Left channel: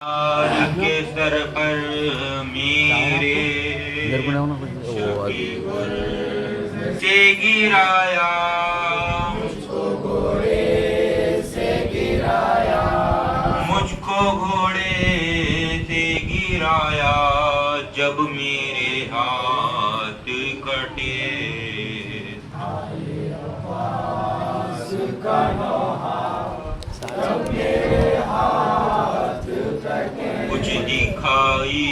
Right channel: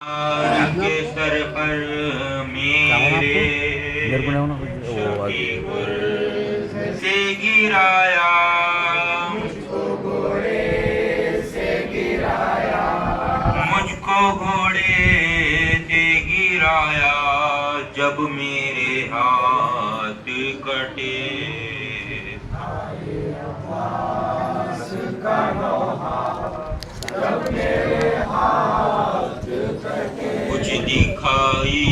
आज के सर पर मेरे शकीवर से गिराया, मुझको घोड़े से गिराया, मुझको घोड़े से गिराया, जब मेरे हाथ कटे का नौहा, जब मेरे हाथ कटे, कुछ दिखाई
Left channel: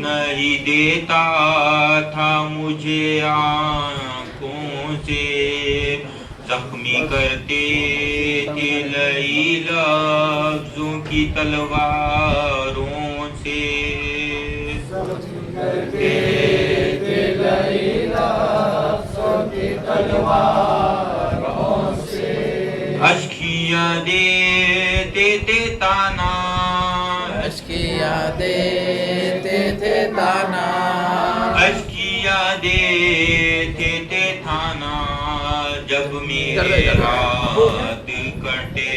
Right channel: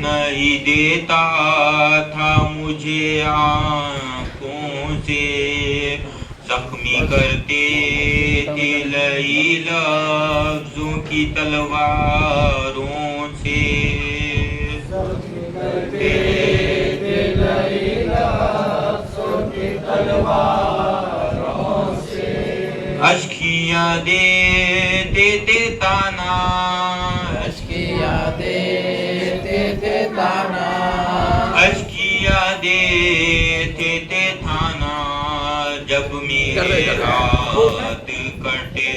नहीं देता था मुझे आँखों से, जख्मी करते थे लई लफ्जों की तलवारों से, करते थे लई लफ्जों की तलवारों से, अश्किया देते थे ताना, अश्किया देते थे ताना, अश्किया देते थे थाना, जब मेरे हाथ कटे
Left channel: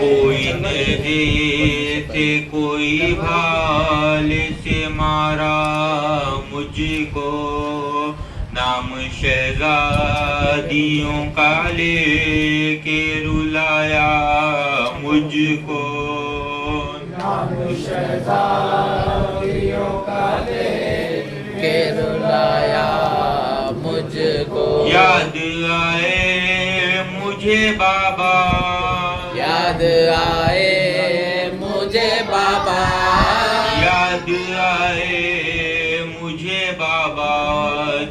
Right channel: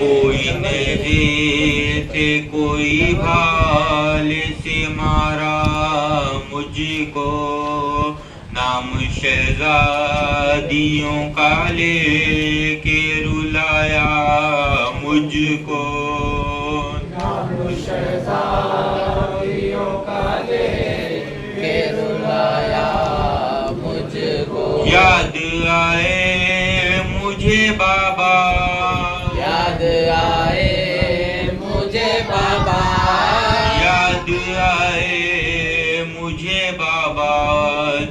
कोई तेरे से कोई भाल से मारा मुझको, नाम शहजादियों का लेके रुलाया मुझको, नाम शहजादियों का लेके रुलाया मुझको, याद आए मुझे बाबा, याद आए मुझे बाबा, याद आए मुझे बाबा,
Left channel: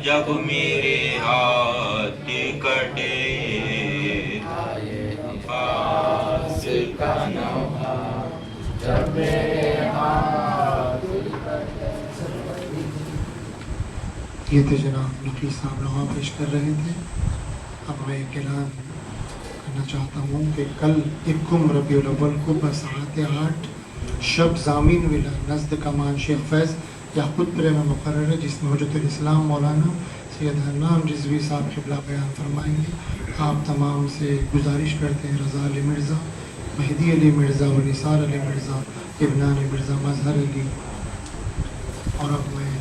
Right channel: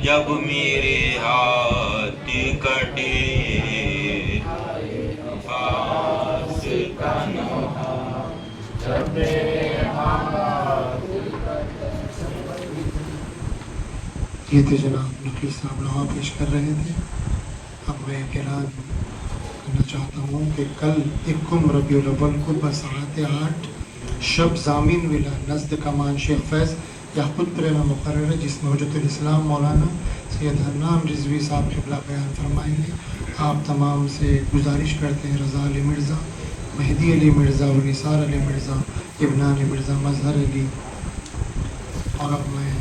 जब मेरे हाथ कटे पास का नौहा, जब मेरे हाथ ये थे जनाब नकवी साहब नवा पेश कर रहे थे। अब मैं कलाम करना चाहता हूँ कि कल 1 रबीउल अव्वल को बसात 8 शब ज़ामीन मिला नज़द कमान शेख फैज़ याक़ूत प्रेमा मुक़र्रर है, जिसमें हुज्जतुल इस्लाम मौलाना सैयद हन्नान रिज़वी साहब क़िबला बयान फरमाएंगे। आप तमाम से गुजारिश करते हैं रज़ा अली मिर्ज़ा, मेहदी अली मिर्ज़ा और निसार अली मिर्ज़ा, इब्न अली मिर्ज़ा, मज़हर अली, और अब मैं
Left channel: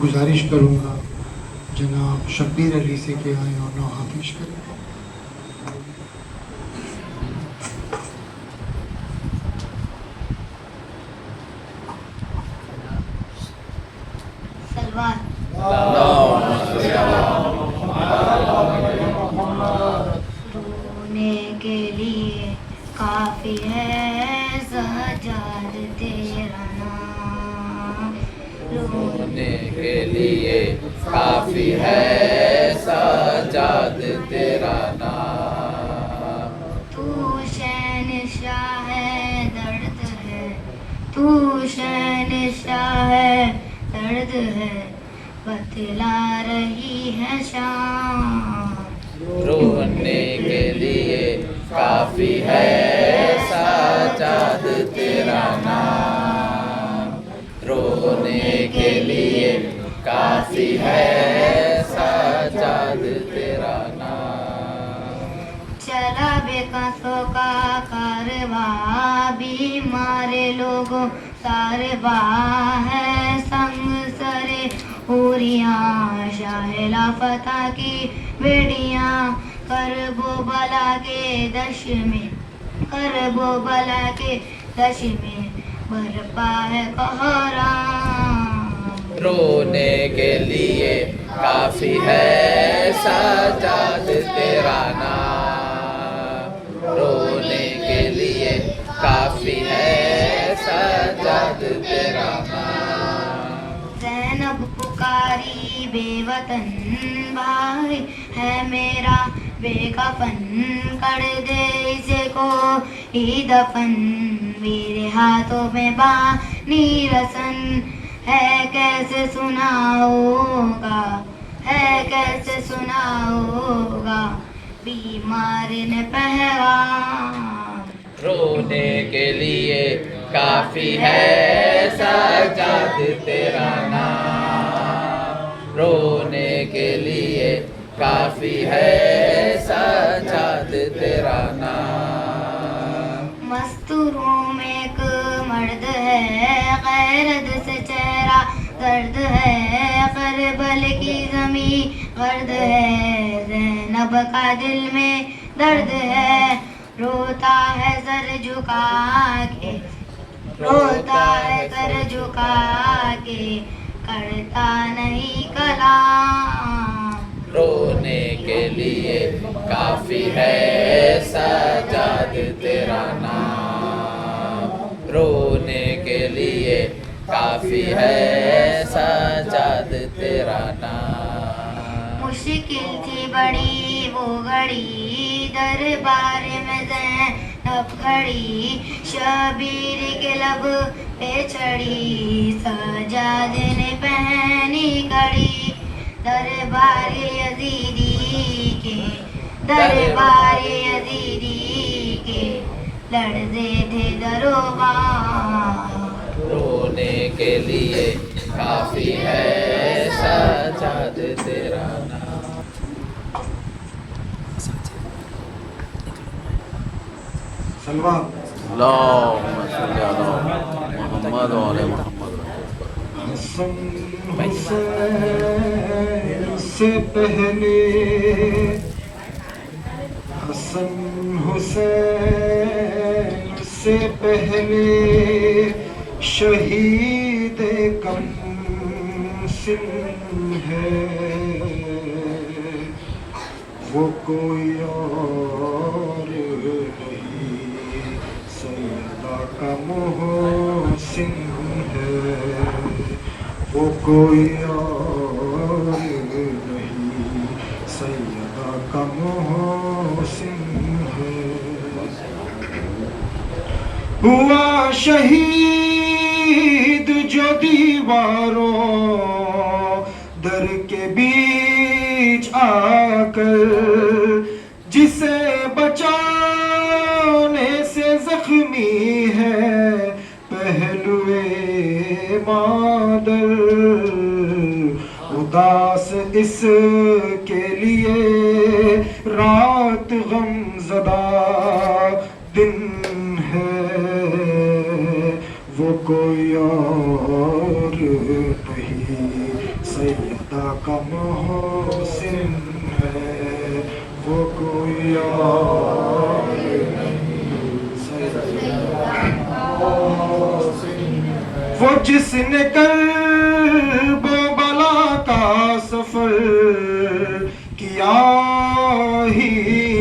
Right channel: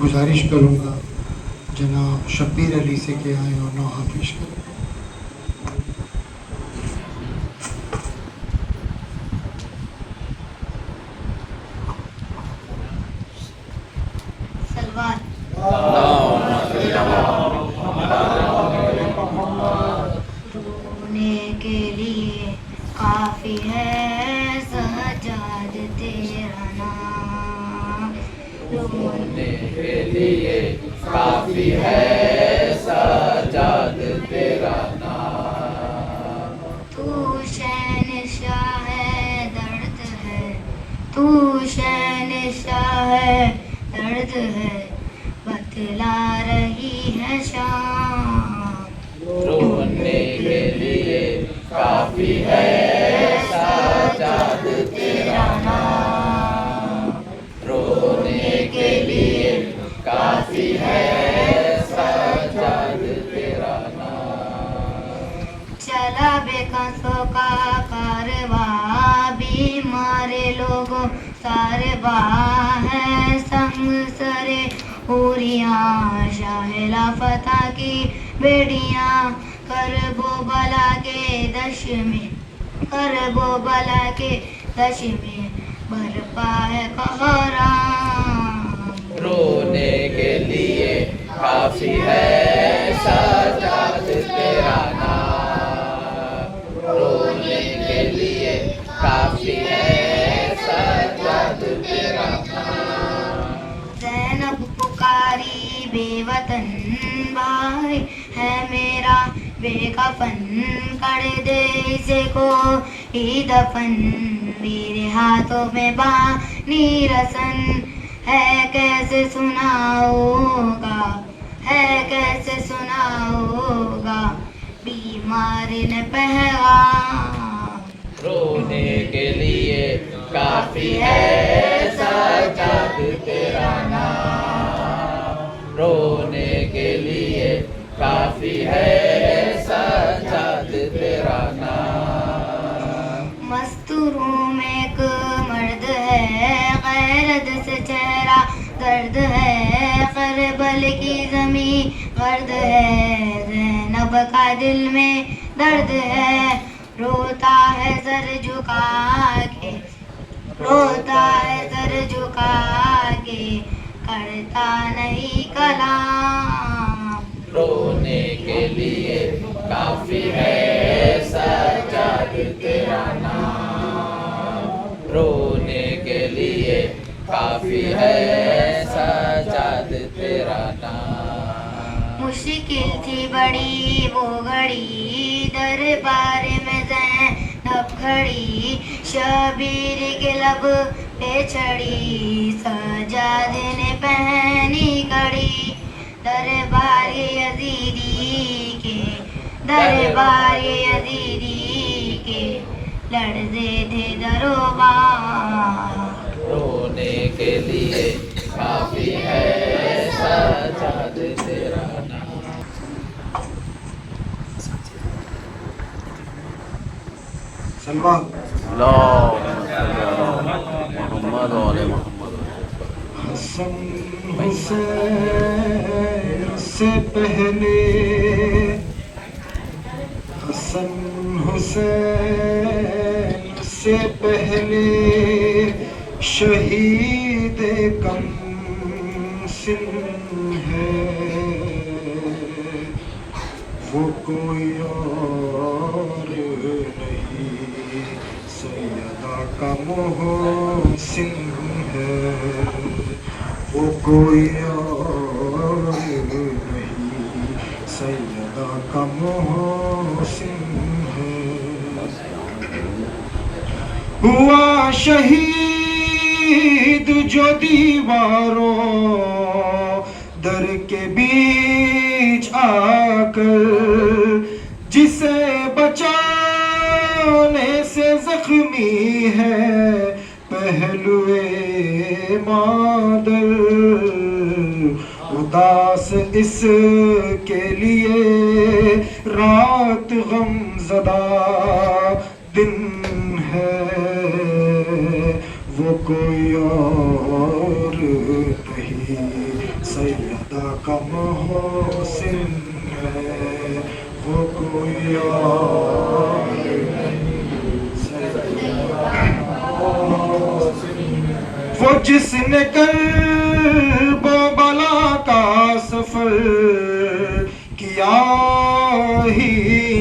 गुजारिश करूँगा जनाब शब्बीर अली से कि आए और नौहा पेश करें। रोने के लिए काफी है सजाद तेरा नाम, रोने के लिए काफी है सजाद तेरा नाम, तू शहंशाह है दर्द है, तू शहंशाह है दर्द है, बतला रही है शाम, रोने के लिए काफी है सजाद तेरा नाम, रोने के लिए काफी है सजाद तेरा नाम, चला बेकसों का कारवा, बीमार लोगों सारवा है संग सरे हुरियाँ, शाहिला फता की बेड़ियाँ, करबो बला के दश में, करबो बला के दश में बरपा है कहराम, रोने के लिए काफी है सजाद तेरा नाम, रोने के लिए काफी है सजाद तेरा नाम, ज़ैनब पुकारी बेवतन भाई है मेरा बेकफन, कर दे इसे को ही दफन, मेरे हाथों में बानी रसन है, कैसे सुनाओगा, है कैसे सुनाओगा बीमार ने पैगाम, रोने के लिए काफी है सजाद तेरा नाम, रोने के लिए काफी है सजाद तेरा नाम। मस्तूरों में एक मर्द है, गैरत से चेहरा दर्द है, करबल की ज़मीं गर्द है, ज़ैनब का दिल में दर्द है, रोता है सर झुका के, रोता है सर झुका के, करता नहीं कलाम। रोने के लिए काफी है सजाद तेरा नाम। रोने के लिए काफी है सजाद तेरा नाम। मुश्किल थी बड़ी वो घड़ी, दरबार में ज़ैनब खड़ी, शबीर के लब पे चढ़ी, सजाद ने पहनी कड़ी, दरबार यजीदी के, दरबार यजीदी के, लड़ते थे दरोबार। रोने के लिए काफी है सजाद तेरा नाम। सलमान मोहम्मद वाले मोहम्मद। हसन हुसैन से पहले, हसन हुसैन से पहले, शहीद कम सिन है, वो कोई और नहीं, सैयदा का मोहसिन है, वो कोई और नहीं, सैयदा का मोहसिन है। हुआ शहीद जो दीवारों दर के बीच आकर, जिसे बचाने से जख्मी है पहलुए मादर, उदास इसके लिए रात गमज़दा दिन है, वो कोई और नहीं, सैयदा का मोहसिन है, वो कोई और नहीं, सैयदा का मोहसिन है। वो जिसने कर्बो बला का सफर किया ही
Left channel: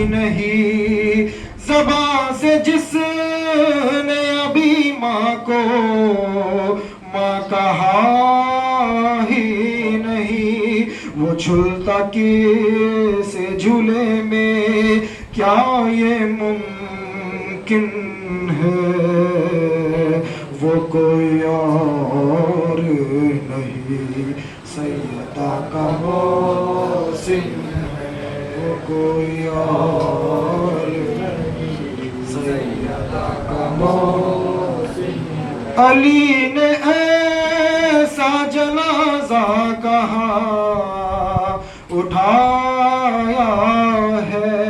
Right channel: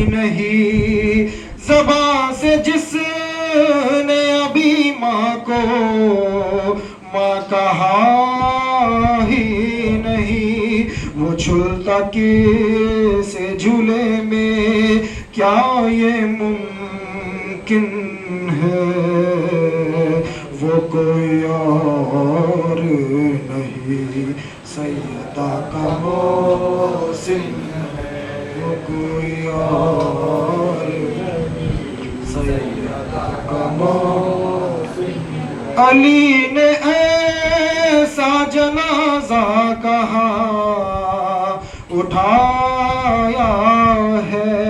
नहीं, ज़बां से जिसने अभी माँ को माँ कहा ही नहीं, वो झूलता किसे झूले में क्या ये मुमकिन है, वो कोई और नहीं, सैयदा का मोहसिन है, वो कोई और नहीं, सैयदा का मोहसिन। अली ने ऐसा जनाजा कहा उठाया है,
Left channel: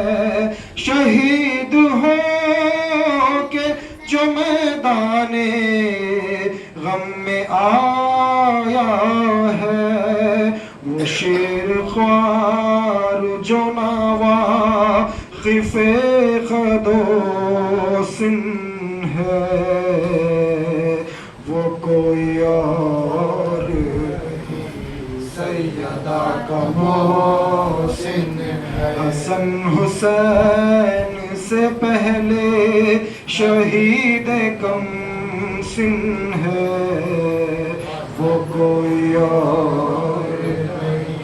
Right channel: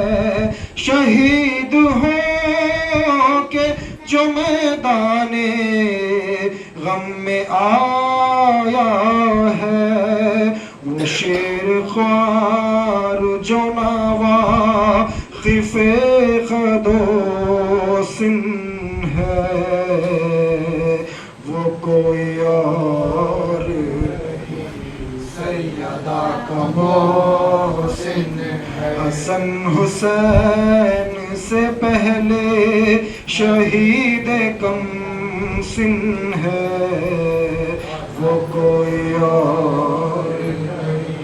शहीद हो के जो मैदाने गम में आया है, वो शेर ख्वार जो नवाक़िफ़े ख़दोसिन है, वो कोई और नहीं, सैयदा का मोहसिन है। हसन हुसैन से पहले शहीद कम सिन है, वो कोई और नहीं,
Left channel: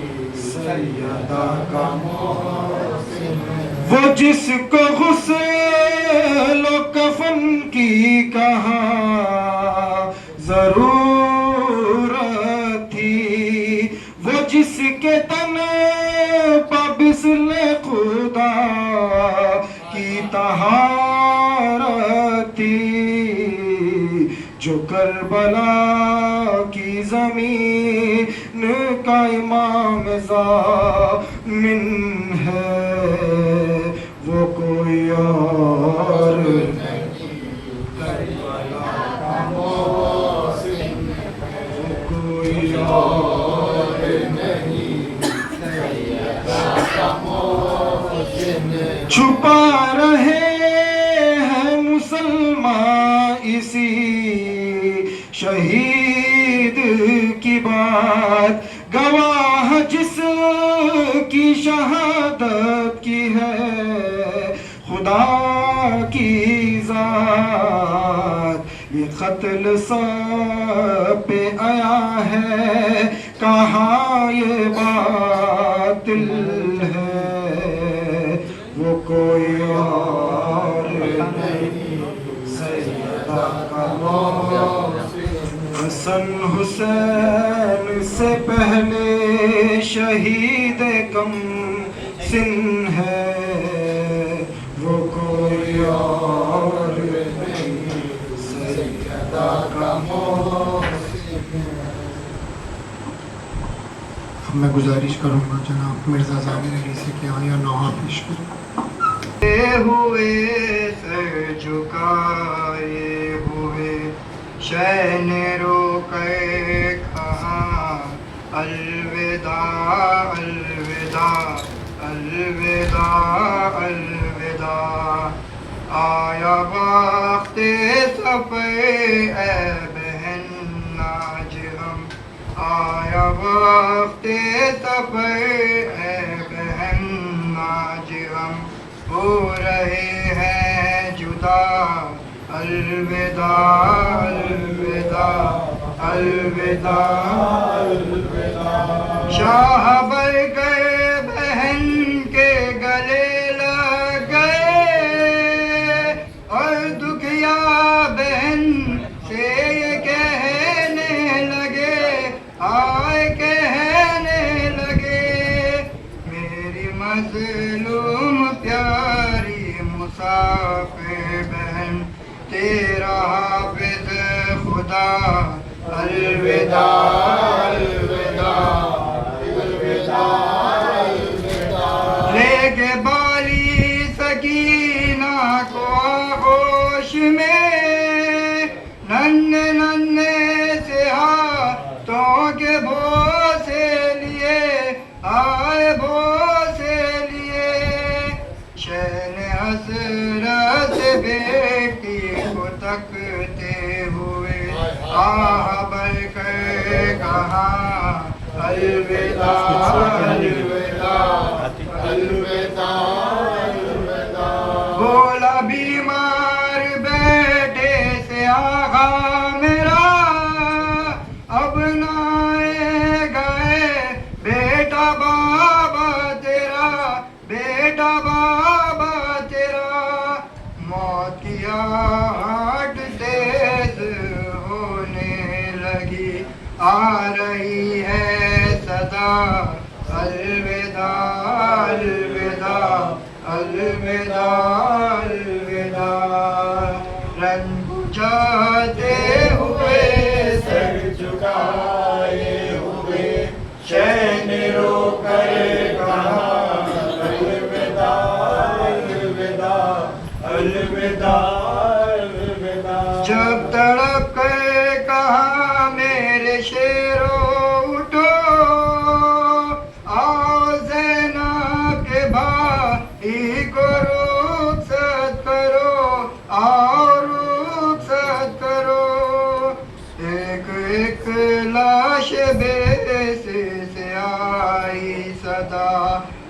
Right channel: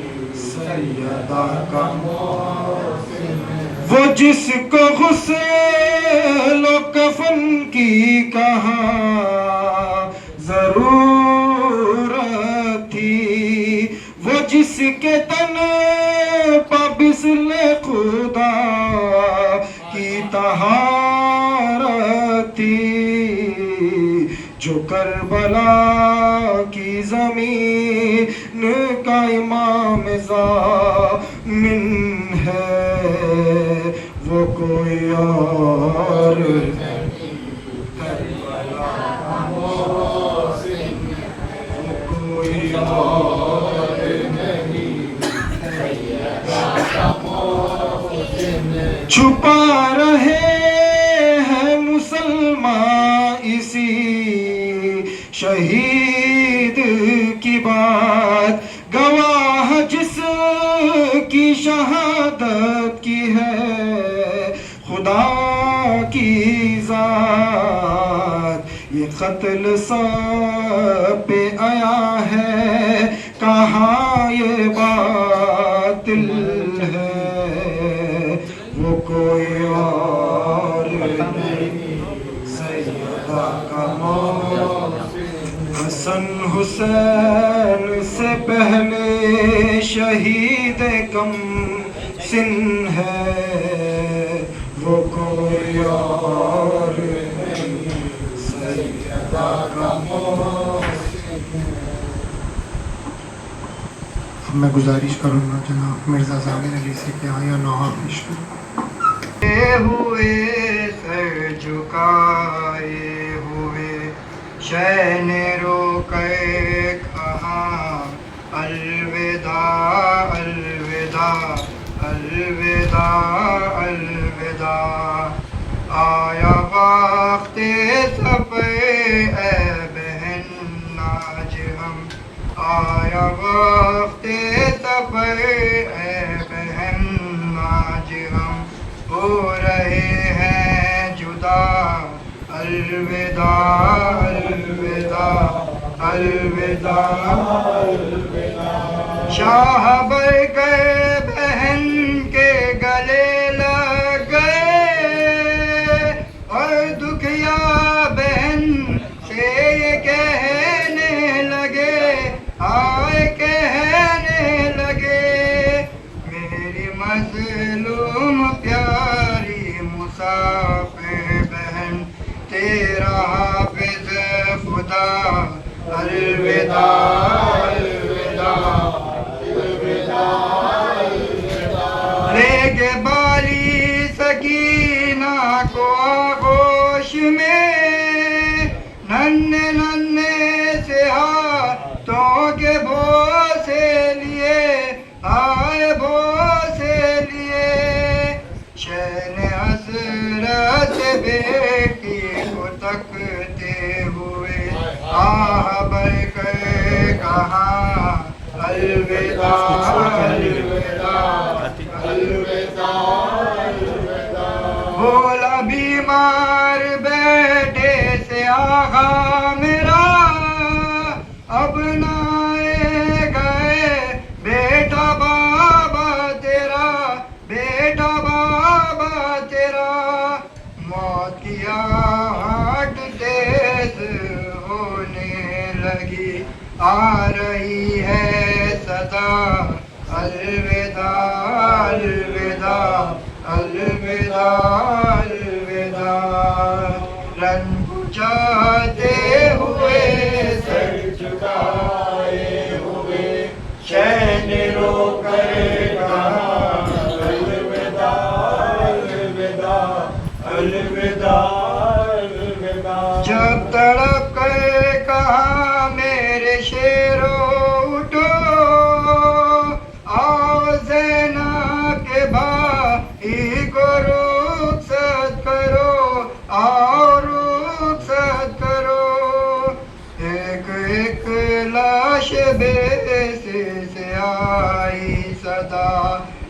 सैयदा का मोहसिन है। वो जिसको गुस्ल कफन की कहा जरूरत थी, वो जिसके तन बिस्ले खुदा की तहारत थी, जो करबला की जमीन का इमाम ज़ामिन है, वो कोई और नहीं। करबला का मोहसिन, वो कोई और नहीं। छुपा रहे हैं मुसलमान इसी शहीद की बात, गवाह जिसकी शहादत की है खुदा की जात। ये कत्ल सब पे आया है, कहाँ ये बातिल है, वो कोई और नहीं। सैयदा का हसन हुसैन से पहले शहीद कम सिन है, वो कोई और नहीं। सैयदा का मैं गुजारिश करूँगा जनाब मिर्ज़ा ज़ाकिर अली से कि आया नहा पेश करें। हुए सर झुकाए हुए शैन रोके कहाँ अलविदा अलविदा अलविदा अलविदा। आया वक्त सफ़र ए बहन आज हम, आया वक्त सफ़र ए बहन आज हम हो रहे हैं जुदा। अलविदा अलविदा अलविदा अलविदा। शाह बर गए बहन के गले लग गए, और दुखिया बहन से ये कहने लगे, आए कहने लगे, मेरी मज़लूम प्यारी मुसाफिर बहन, तेरा हाफ़िज़ खुदा। अलविदा अलविदा अलविदा अलविदा। लेके बाली सकीना को आगोश में, नन्हे नन्हे से हाथों के बोसे लिए, आए बोसे लिए। शैन हसरत बेटी को तकते हुए आह बरकर कहा अलविदा अलविदा अलविदा अलविदा। बोला बीमार बेटे से आगा मेरा, अब ना गए बेटा बाबा तेरा, बेटा बाबा तेरा। मौत की आहट तेज होने लगी, आ रही है सदा। अलविदा अलविदा अलविदा अलविदा। रन बुझाते हुए सर झुकाए हुए शैन रोकर कहा अलविदा अलविदा अलविदा अलविदा। जब तड़प कर कहा मेरे शेरो उठो, आओ ज़ैनब के भाई को रुखसत करो, आओ रुखसत करो। एक एक लाश बेसे से आई सदा,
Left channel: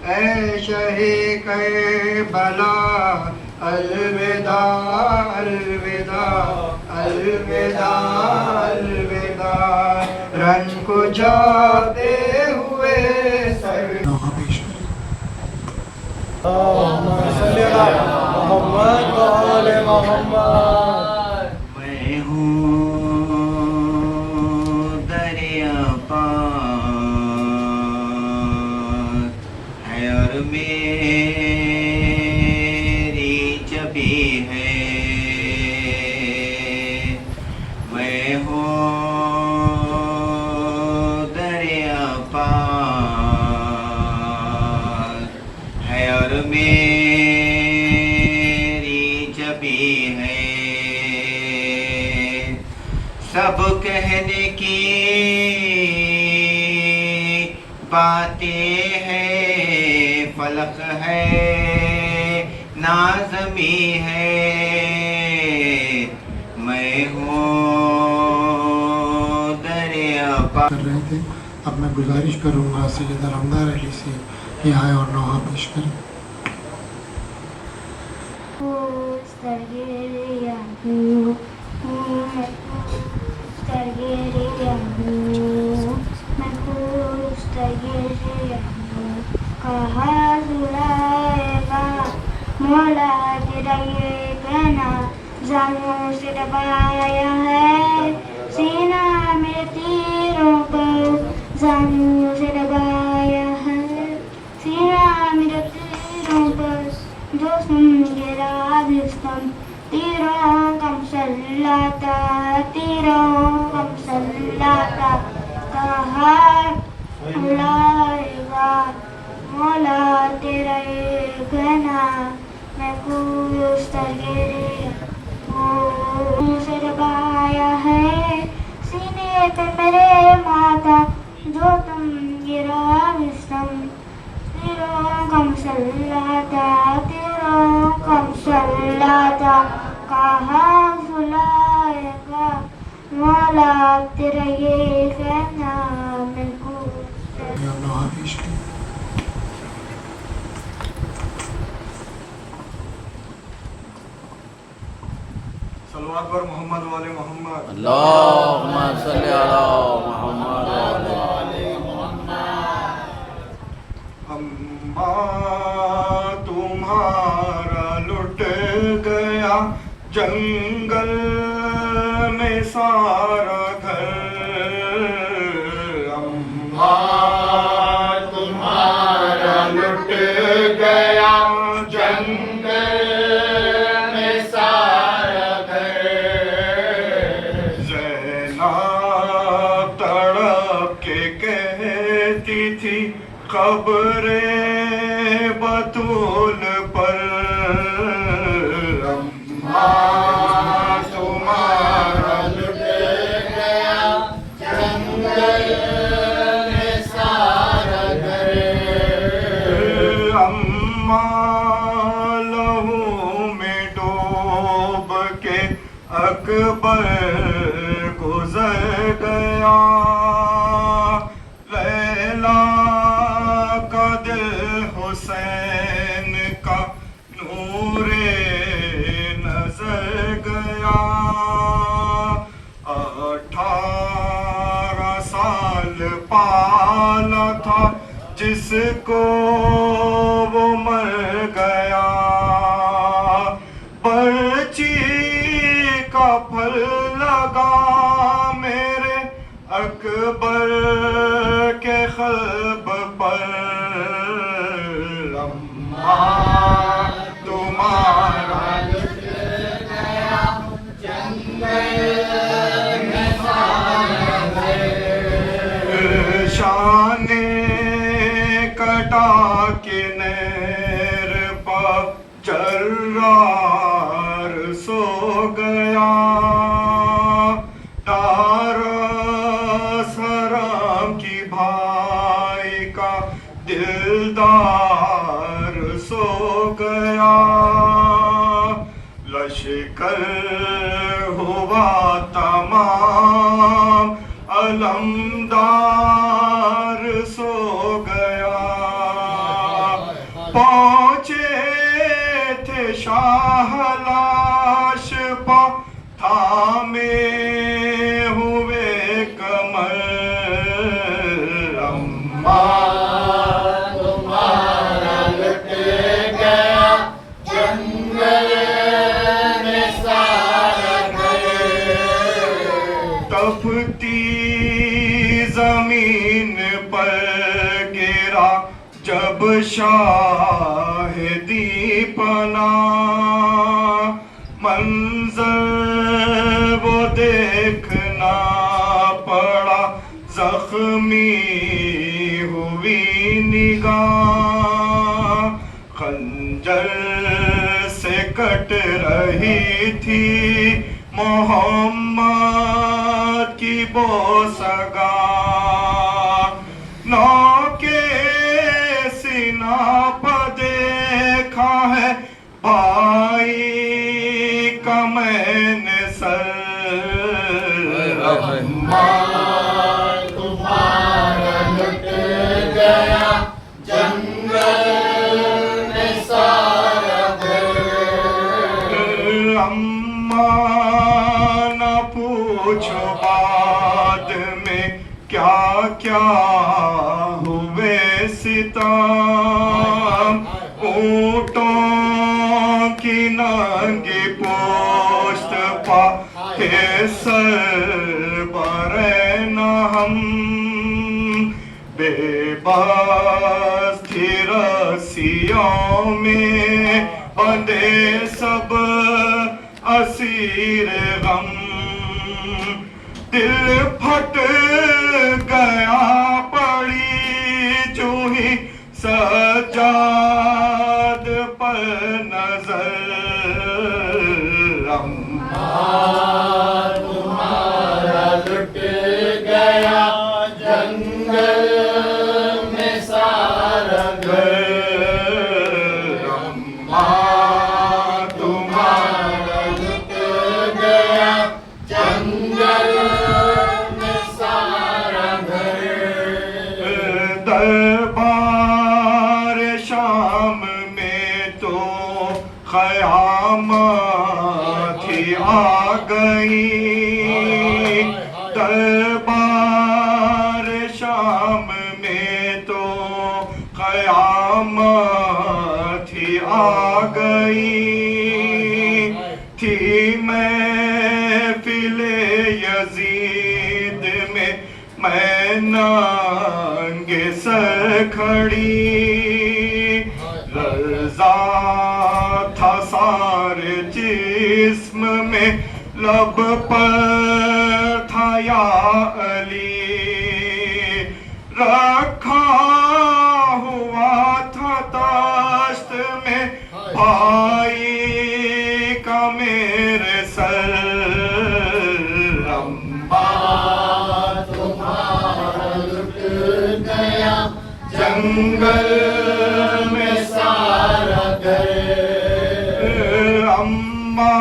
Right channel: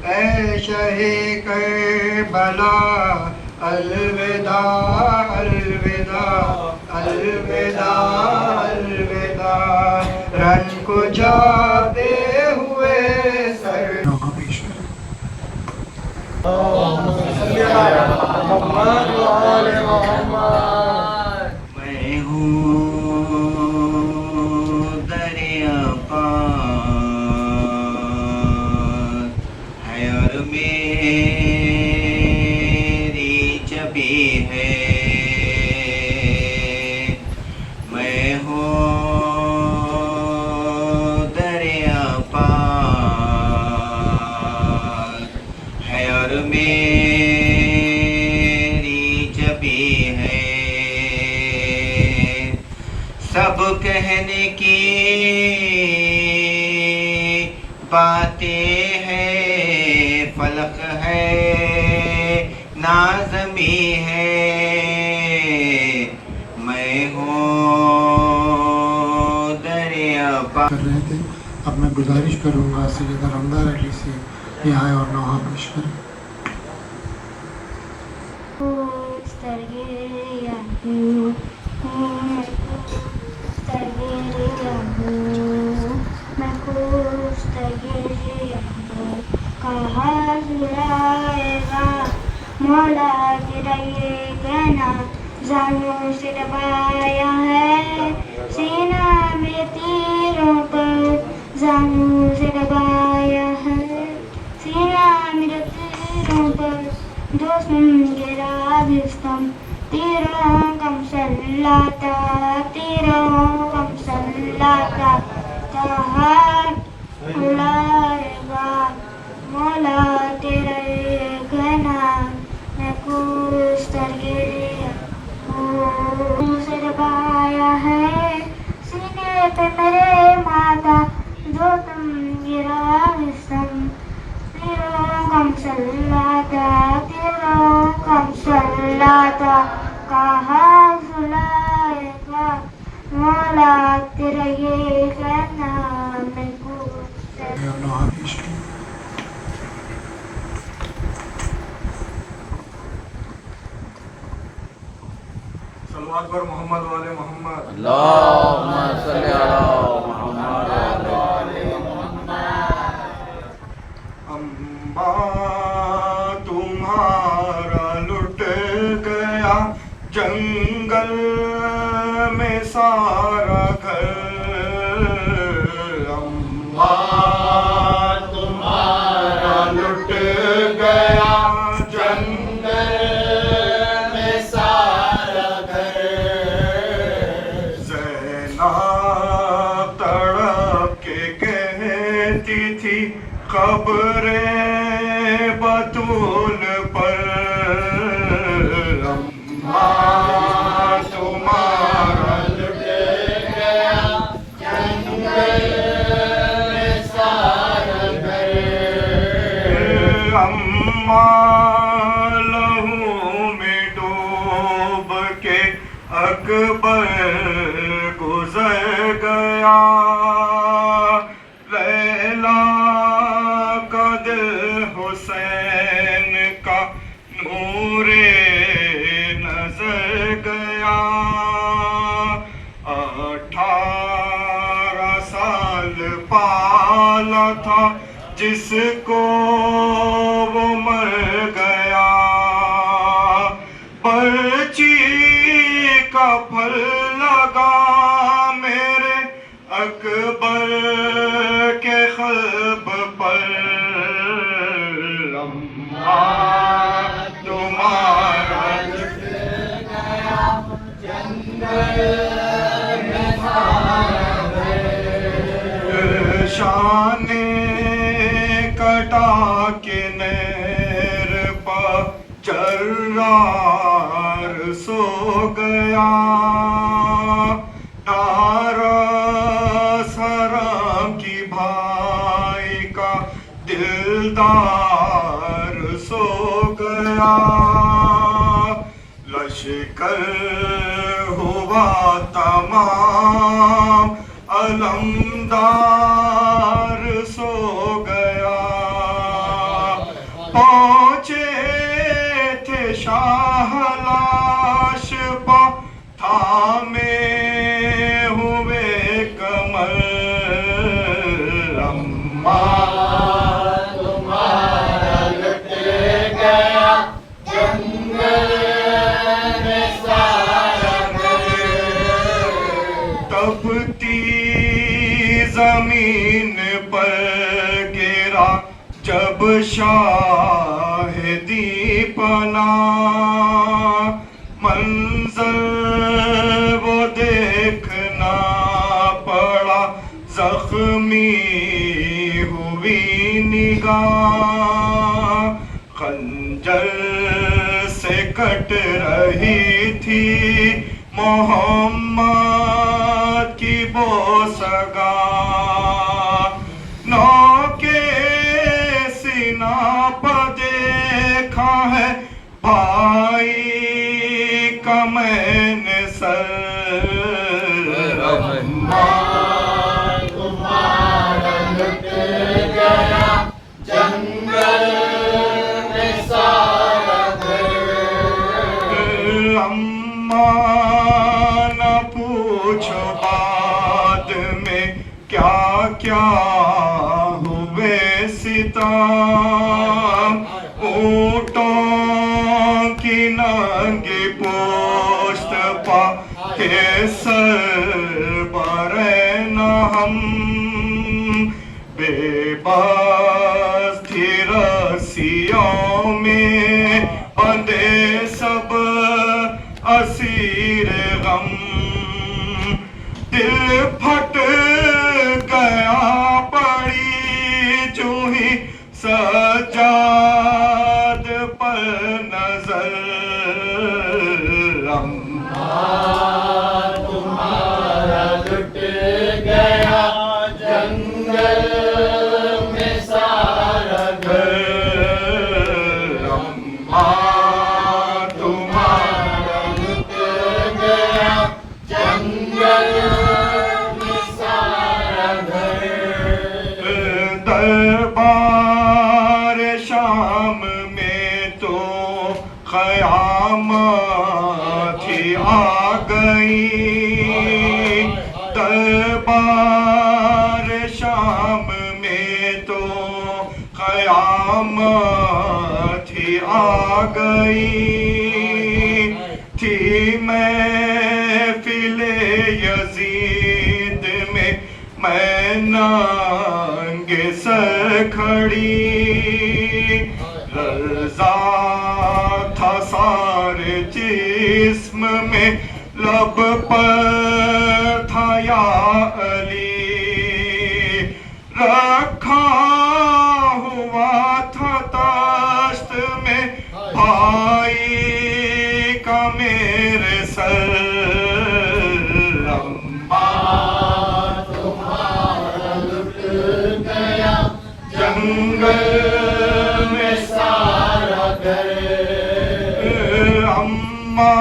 ऐ शहे करबला। अलविदा अलविदा अलविदा अलविदा। रन को जाते हुए सर नहा पेश करें। मैं हूँ दरिया पार है और मेरी जबी है। मैं हूँ दरिया पार और मेरी जबी है सब कहने की बातें हैं, फलक है नाज़मी है, मैं हूँ दरिया पा। कर रहे थे। अब मैं गुजारिश करूँगा सैयद रमदार अली से ये आए और नौहा पेश करें। मौला तेरा ये कहना जानों से दबाया है, सीना में तीरों पर जानों से दबाया है, सीना मेरे तीरों पर दुश्मन गिरा दिस्तम, तीरों कम सल्लाता, तीरों कम सल्लाता, कहा बुलाएगा मौला तेरा ये कहना, मैं कुछ से दबाया है, सीने पे मेरे माता जो तुम गिरा विस्म, तेरा कम सल्लाता, तेरा कम सल्लाता, कहा बुलाएगा मौला तेरा ये कहना, मैं कुछ नौहा पेश करें। सलवात पर मोहम्मद वाले मोहम्मद। अल्लाहुम्मा सल्ली अला मुहम्मद व आले अम्मा तुम्हारा लुट गया जंगल में सारा घर, अम्मा तुम्हारा लुट गया जंगल में सारा घर, ज़ैनब तड़प के कहती थी खबरे बतूल पर, अम्मा तुम्हारा लुट गया जंगल में सारा घर, अम्मा लहू में डूब के अकबर गुजर गया, लैला का दिल हुसैन का नूरे नजर गया, 18 साल पाला था जिसको वो मर गया, पर्ची का फल लगा मेरे अकबर के क़ल्ब पर, अम्मा तुम्हारा लुट गया जंगल में सारा घर, शाने कटा के नहर पर जर्रार सो गया, तारा सराम की भाई का दिलदार सो गया, लश्कर हुआ तमाम अलमदार सो गया, पहुँचे थे शाह लाश पा थामे हुए कमर, अम्मा तुम्हारा लुट गया जंगल में सारा घर, तपती जमीन पर गिरा जब शाहिदी पला, मंजर वो देखना पड़ा, जख्मी हुई निगाह, कट रही थी मोहम्मद की बोसगा नौ के सीना पर देखा है भाई का मैंने सर तुम्हारा लुट गया जंगल में सारा घर। अम्मा न पूछ बाद में क्या क्या हुए सितम ऊँटों की नंगी पोस्ट पा के सर बरे न हम बेबस थी रस्सियों में बंधे सब असीर गम दिल फट गया पड़ी चूही सजाद पर नजर तुम्हारा लुट गया जंगल में सारा घर। तुम्हारा लुट गया जंगल में सारा घर। दरबार शाम में तो क़यामत ही आ गई दरबार शाम में तो क़यामत ही आ गई थी महफ़िल यज़ीद में मैं नंगे सर खड़ी रज़ा था सारे जिस्म में लब पर था या अली रखा हुआ था ताश्त में भाई का मेरे सर तुम्हारा लुट गया जंगल में सारा घर। अम्मा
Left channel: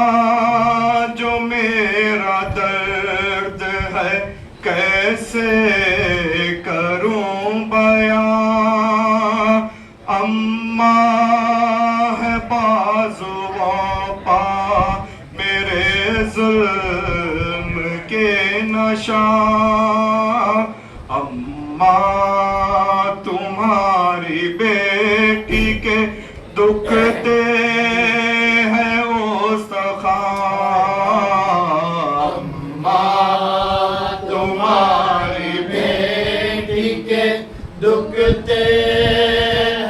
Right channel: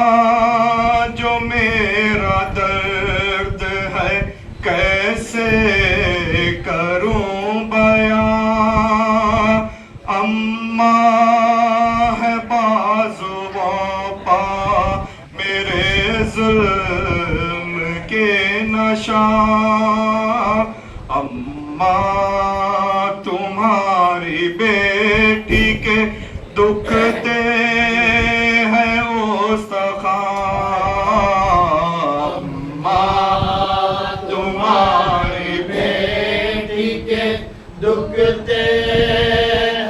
जो मेरा दर्द है कैसे करूं बयां अम्मा है बाजुओं पा मेरे जुल्म के निशान अम्मा तुम्हारी बेटी के दुख दे है अम्मा तुम्हारी बेटी के दुख दे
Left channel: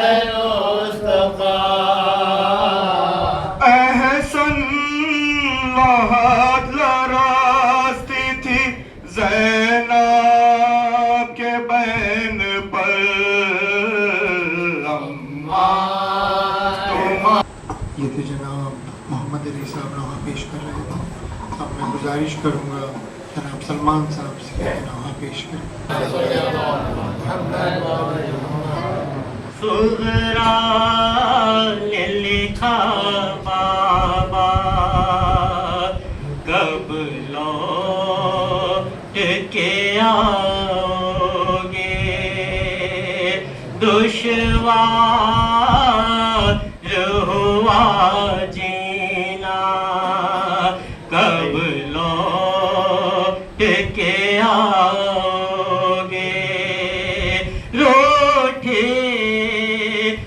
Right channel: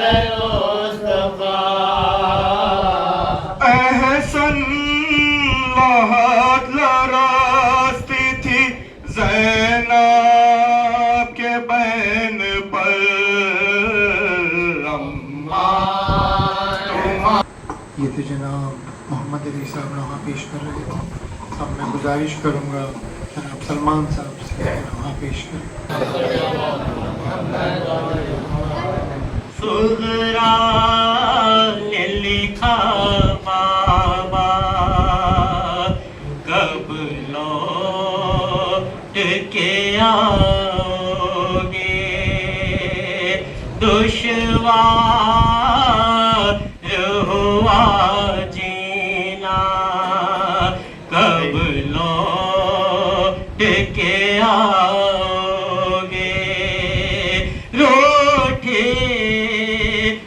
है मुस्तफा। एहसन लहद लरास्ती थी ज़ैनब के बहन पर ये थे जनाब मोहम्मद अली साहब नवा पेश कर रहे थे। अब मैं गुजारिश करूँगा जनाब सलमान साहब से नवा पेश करें। सुगरा ने लिखा बाबा कब लौट के आओगे दुश्वार हुआ जीना कब लौट के आओगे रूठे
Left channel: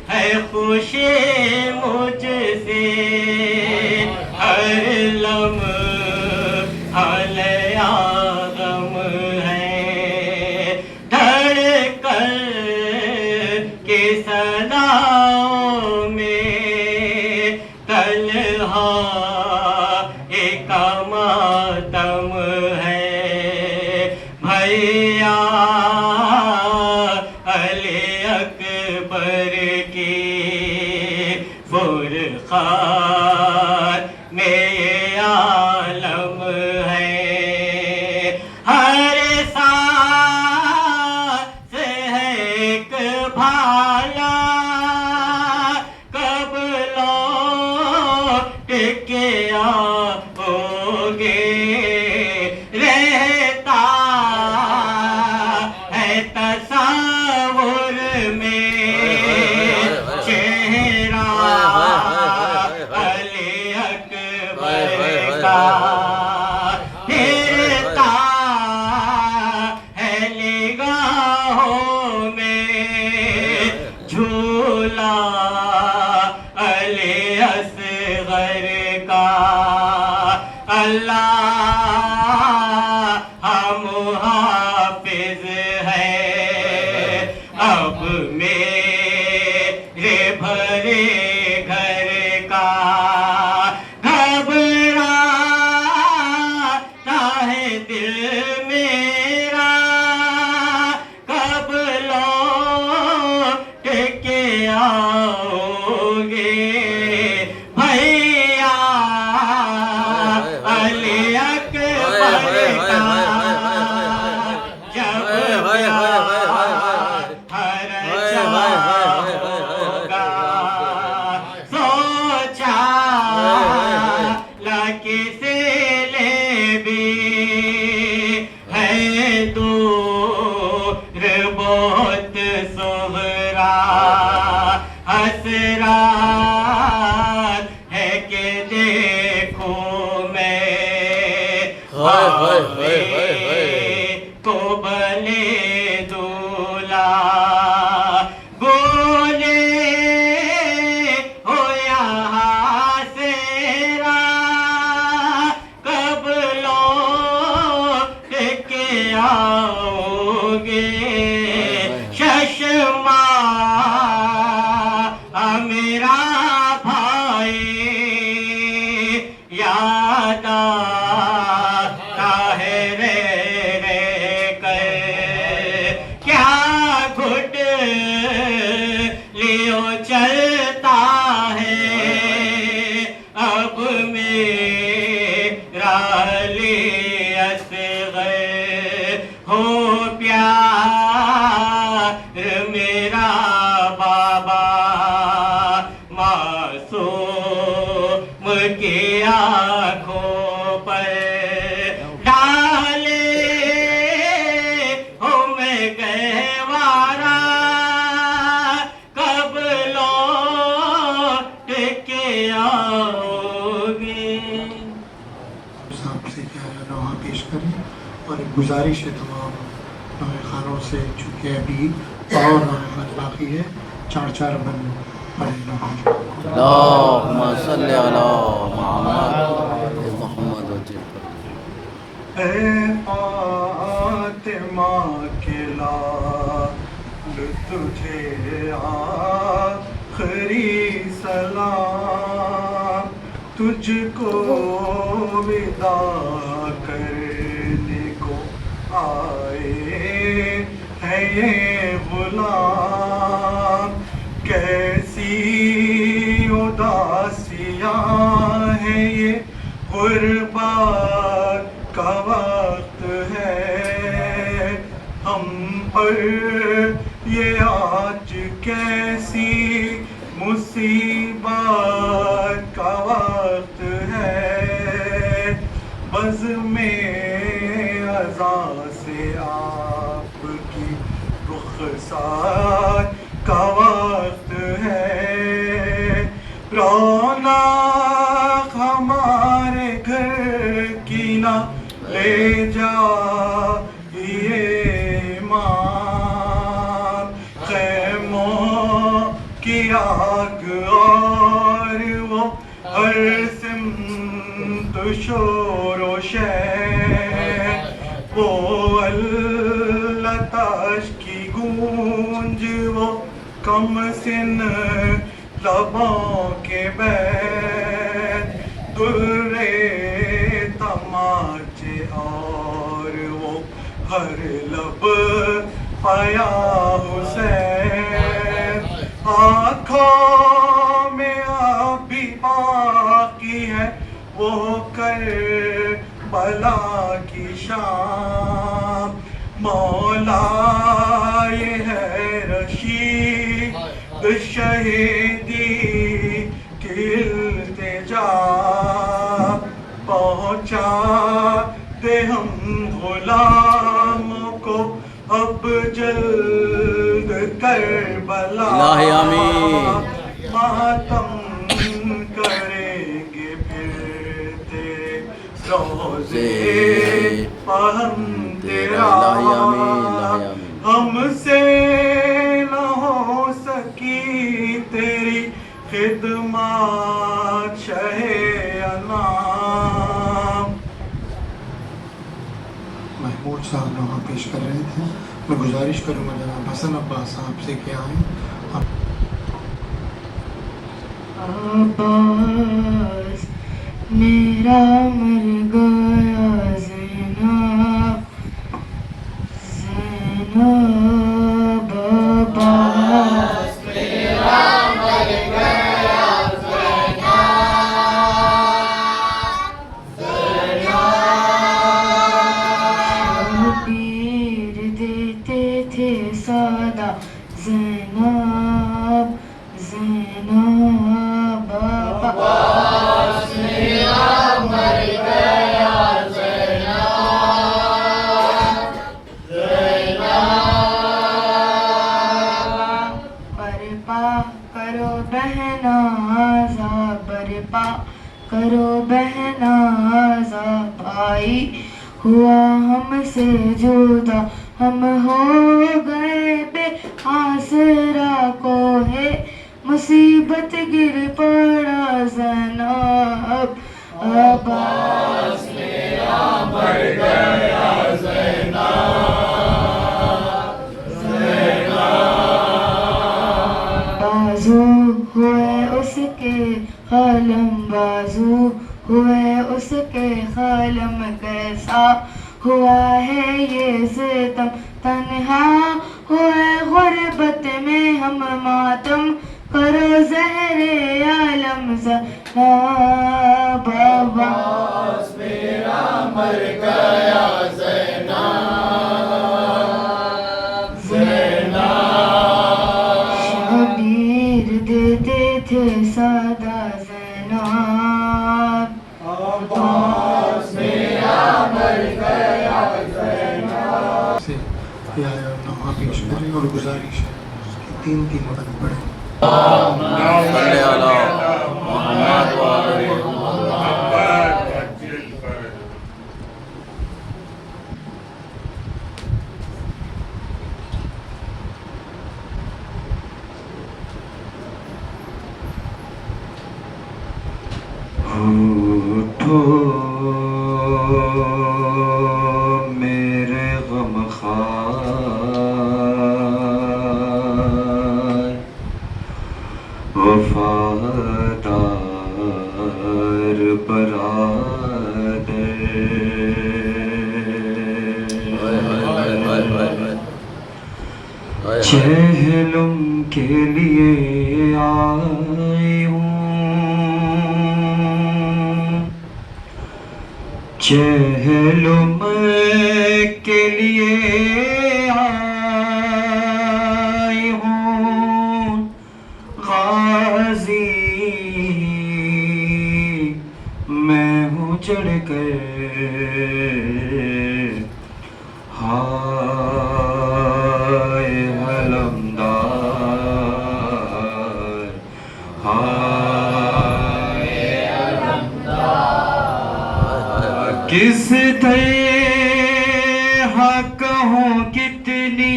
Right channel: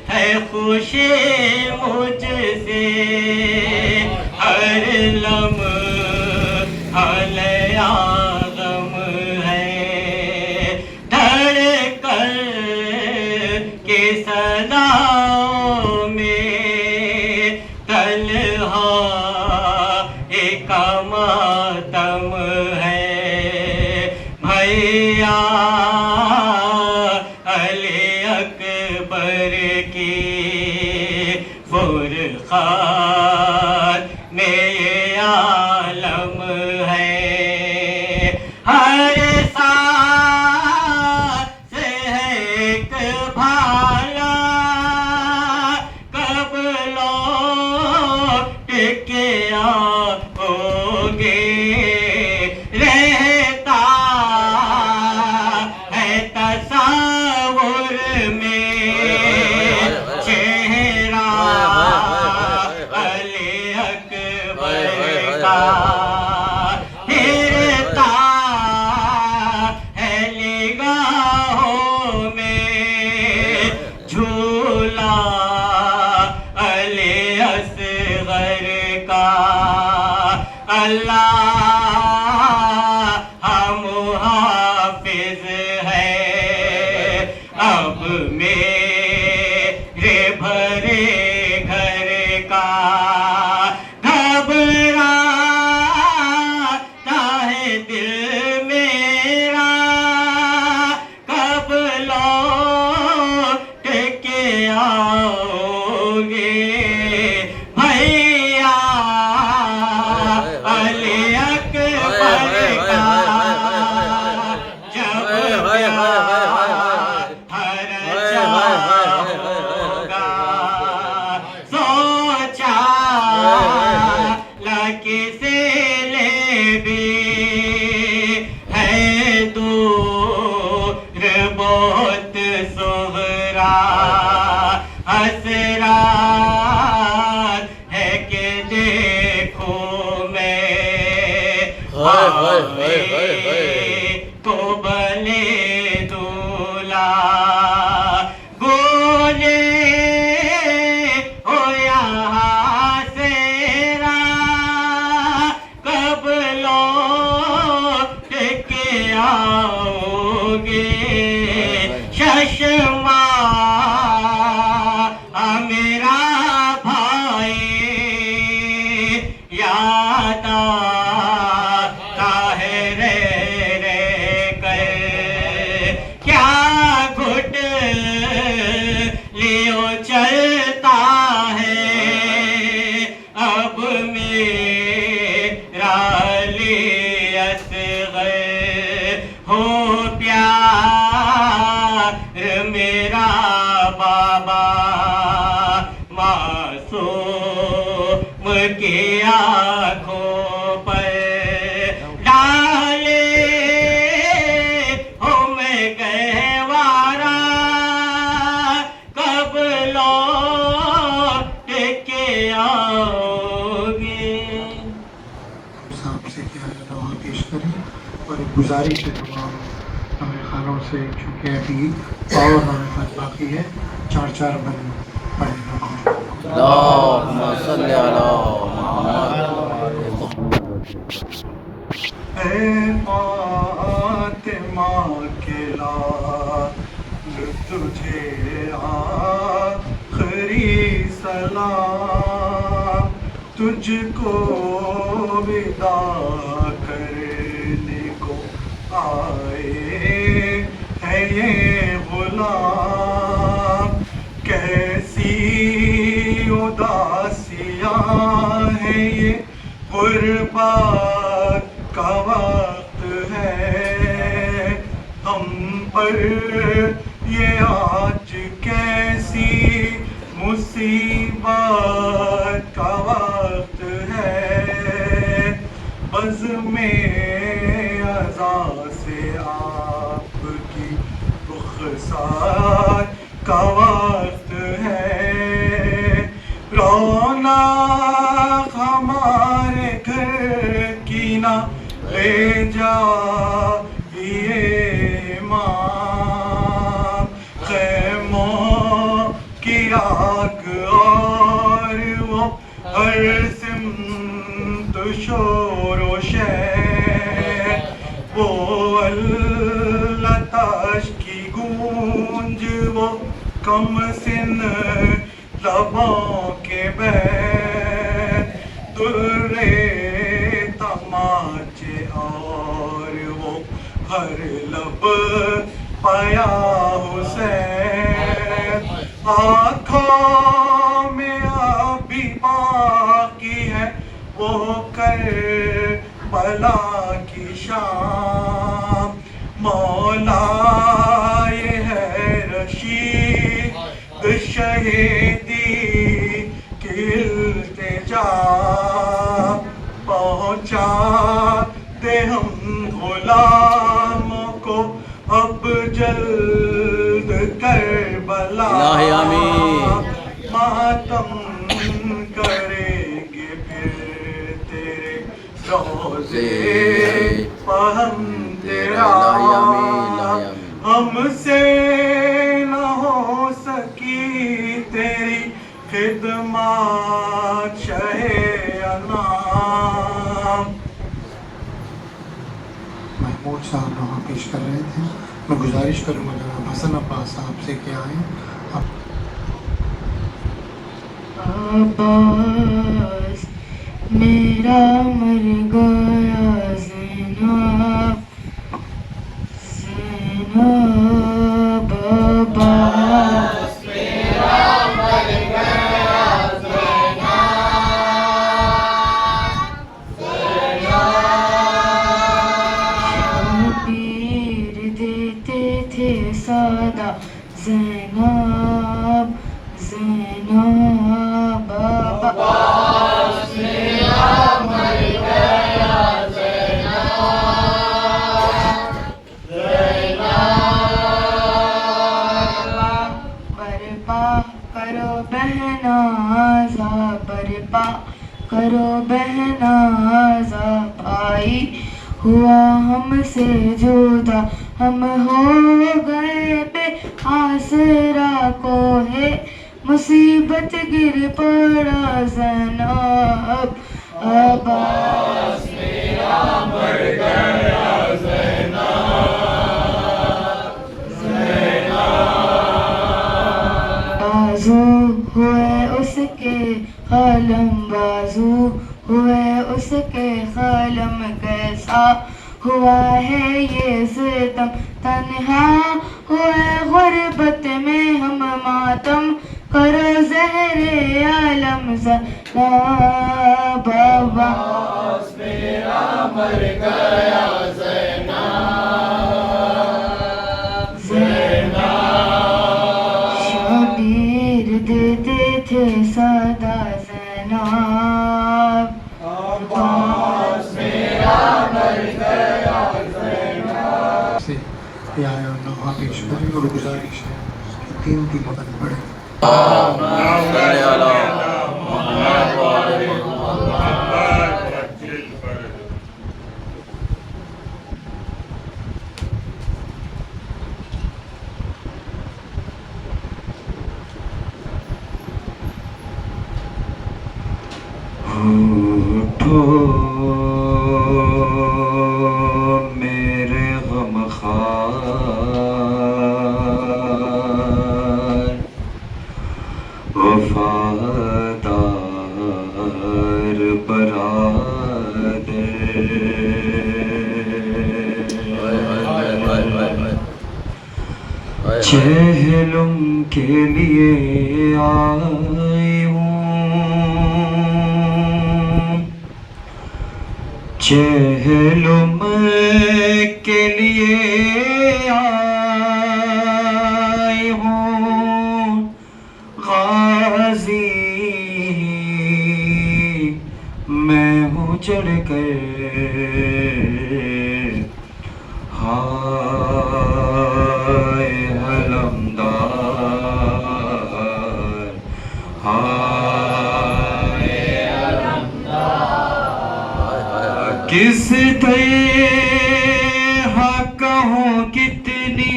है खुशी मुझसे हर लम्हा नया गम है धड़कन के सदाओं में तन्हा एक मातम है भैया अली अकबर की फुरखान मेरे घर का घबराता है दिल मेरा, कब लौट के आओगे भैया अली अकबर का जब सोचा किसे ले भी है दूर बहुत सोहरा हसरात है कि देखो मैं को भले दूल्हा बोले हो यहाँ से कब लौट के आओगे चश्मा मेरा भाई याद आता है रे कर क्या घुट लियो चलता है अब मेरा लियस हो प्यार मेरा बाबा मासूम की आँखों पर डाले हो मैं गहवारा कब लौट के आओगे। साहब से क्या है रवा पेश करें और गुजारिश है तमाम खानों से चूँकि अभी पावर मार्फत बाकी है 4-4 बंद पढ़े अल्लाहुम्मा सल्ली अला मोहम्मद। ऐ फातिमा के लाल तुझे आखिरी सलाम, तुझको विदा करने को आए है ये गुलाम। कैसी उदासियाँ है ये गुर्बत का वक्त है, हम पर ये आज कैसी मुसीबत का वक्त है। बज़ में अज़ा से आपकी रुख़सात का वक्त है। रौनक हमारे घर की ना ले जा ये ईमान, खैमों की आग और वो हर सिमत शोर व शैर, वो अल्लाताश की गूंज वो कम सिन लबों के बैर, दुर्रे तमाचे और वो हर लब पाया हुसैन। आँखों में अभी बाकी है वो कर बला की शाम। मौला ये है रशीद शहीदी की इल्तिजा, पहुँचा दे हम गुलामों को अब जल्द करबला। इलाही आमीन। मातम करेंगे फिर तेरे रोज़े पर हम तेरा। इलाही आमीन, इलाही आमीन। हमसे न हो सकी तेरी खिदमत शहे अनाम। महमूद साहब वहाँ पेश कर रहे थे। मैं गुजारिश करूँगा जनाब हसन अब्बास साहब से क्या आए अब्बास मेरा मर गया ज़ैनब ज़ैनब अब्बास मेरा मर गया शबीर देते थे सादा ज़ैनब ज़ैनब अब्बास मेरा मर गया बरपा करो बहनाज़ा बरपा करो बहनाज़ा भाई हुआ हमसे जुदा हम हो गए बेआसरा को है मुसीबत गिर पड़ा ज़ैनब अब्बास मेरा मर गया बाजू हुए उसके कलम बाजू हुए उसके कलम कैसा हुआ है ये सितम तन्हा हुए गुर्बत में हम मातम करो ज़हरे आलम ज़ैनब अब्बास मेरा मर गया शबीर देते थे सादा ज़ैनब अब्बास मेरा मर गया से या नवा पेश करें और गुजारिश है कि तीन तीन कदम बढ़े सल्ले अला मोहम्मद व आले मोहम्मद। उठो मेरे गमखार वफादार बरादर चहलम के लिए आई हूँ चहलम के लिए आई हूँ गाजी मैं हूँ चढ़ कर हाय अलमदार हाय किस तरह कहूँ कितनी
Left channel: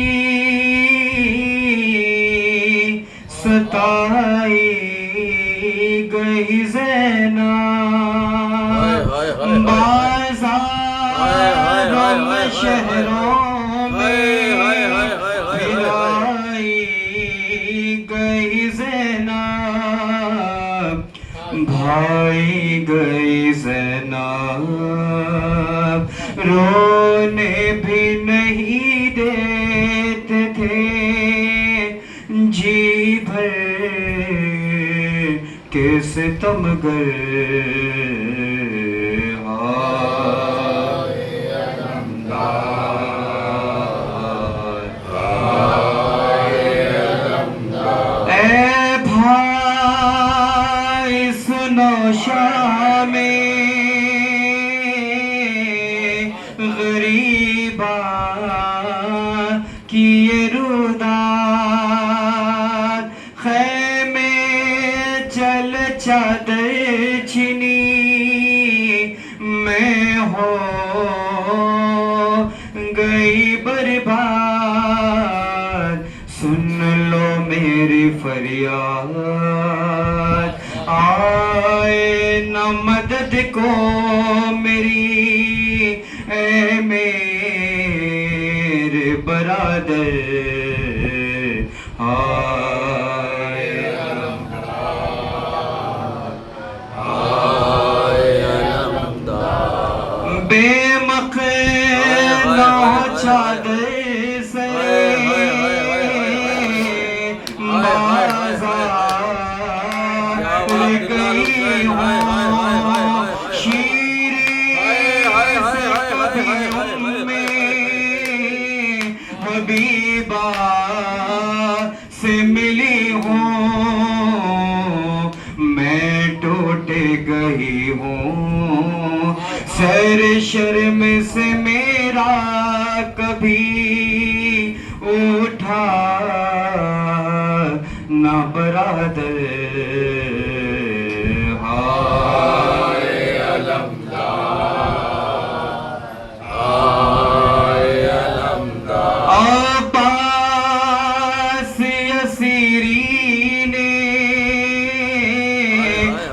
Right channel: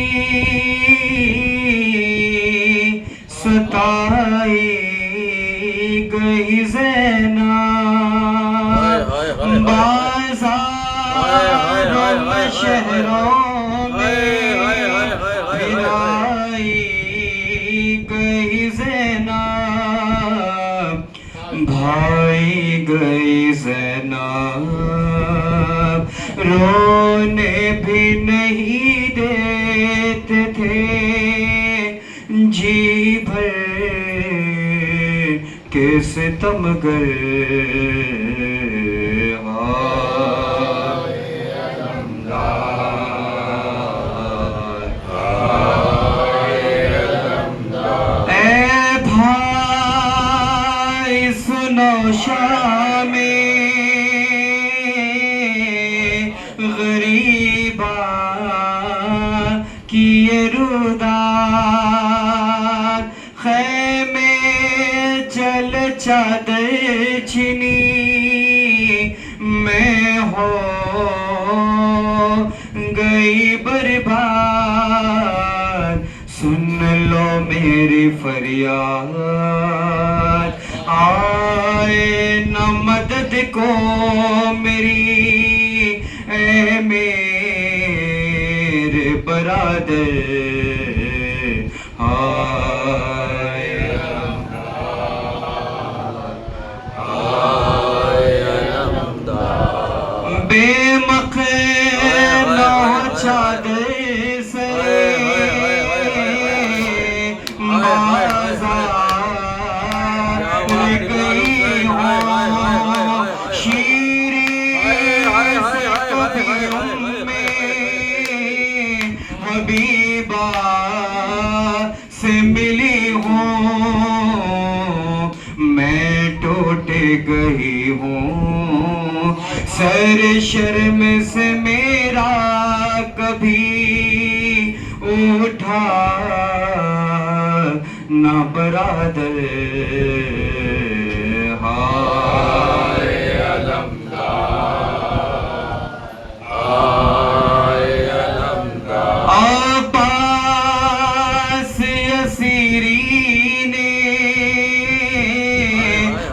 सताई गई ज़ैनब बाज़ार में शहरों में गिराई गई ज़ैनब भाई गई ज़ैनब रोने भी नहीं देते थे जी भर के सितमगर ए भाई सुनो शामे गरीबा की ये रुदार खैमे चल चादर छिनी मैं हो गई बर्बाद सुन लो मेरी फरियाद आए न मदद को मेरी ए मेरे बरादर दिलाल हुसैन हाय हाय हाय हाय हाय हाय हाय हाय हाय हाय हाय हाय हबीबा से मिली हूँ मैं टूट गई हूँ सर शर्म से मेरा कभी उठा ना बरादर हाय अब्बास असीरी ने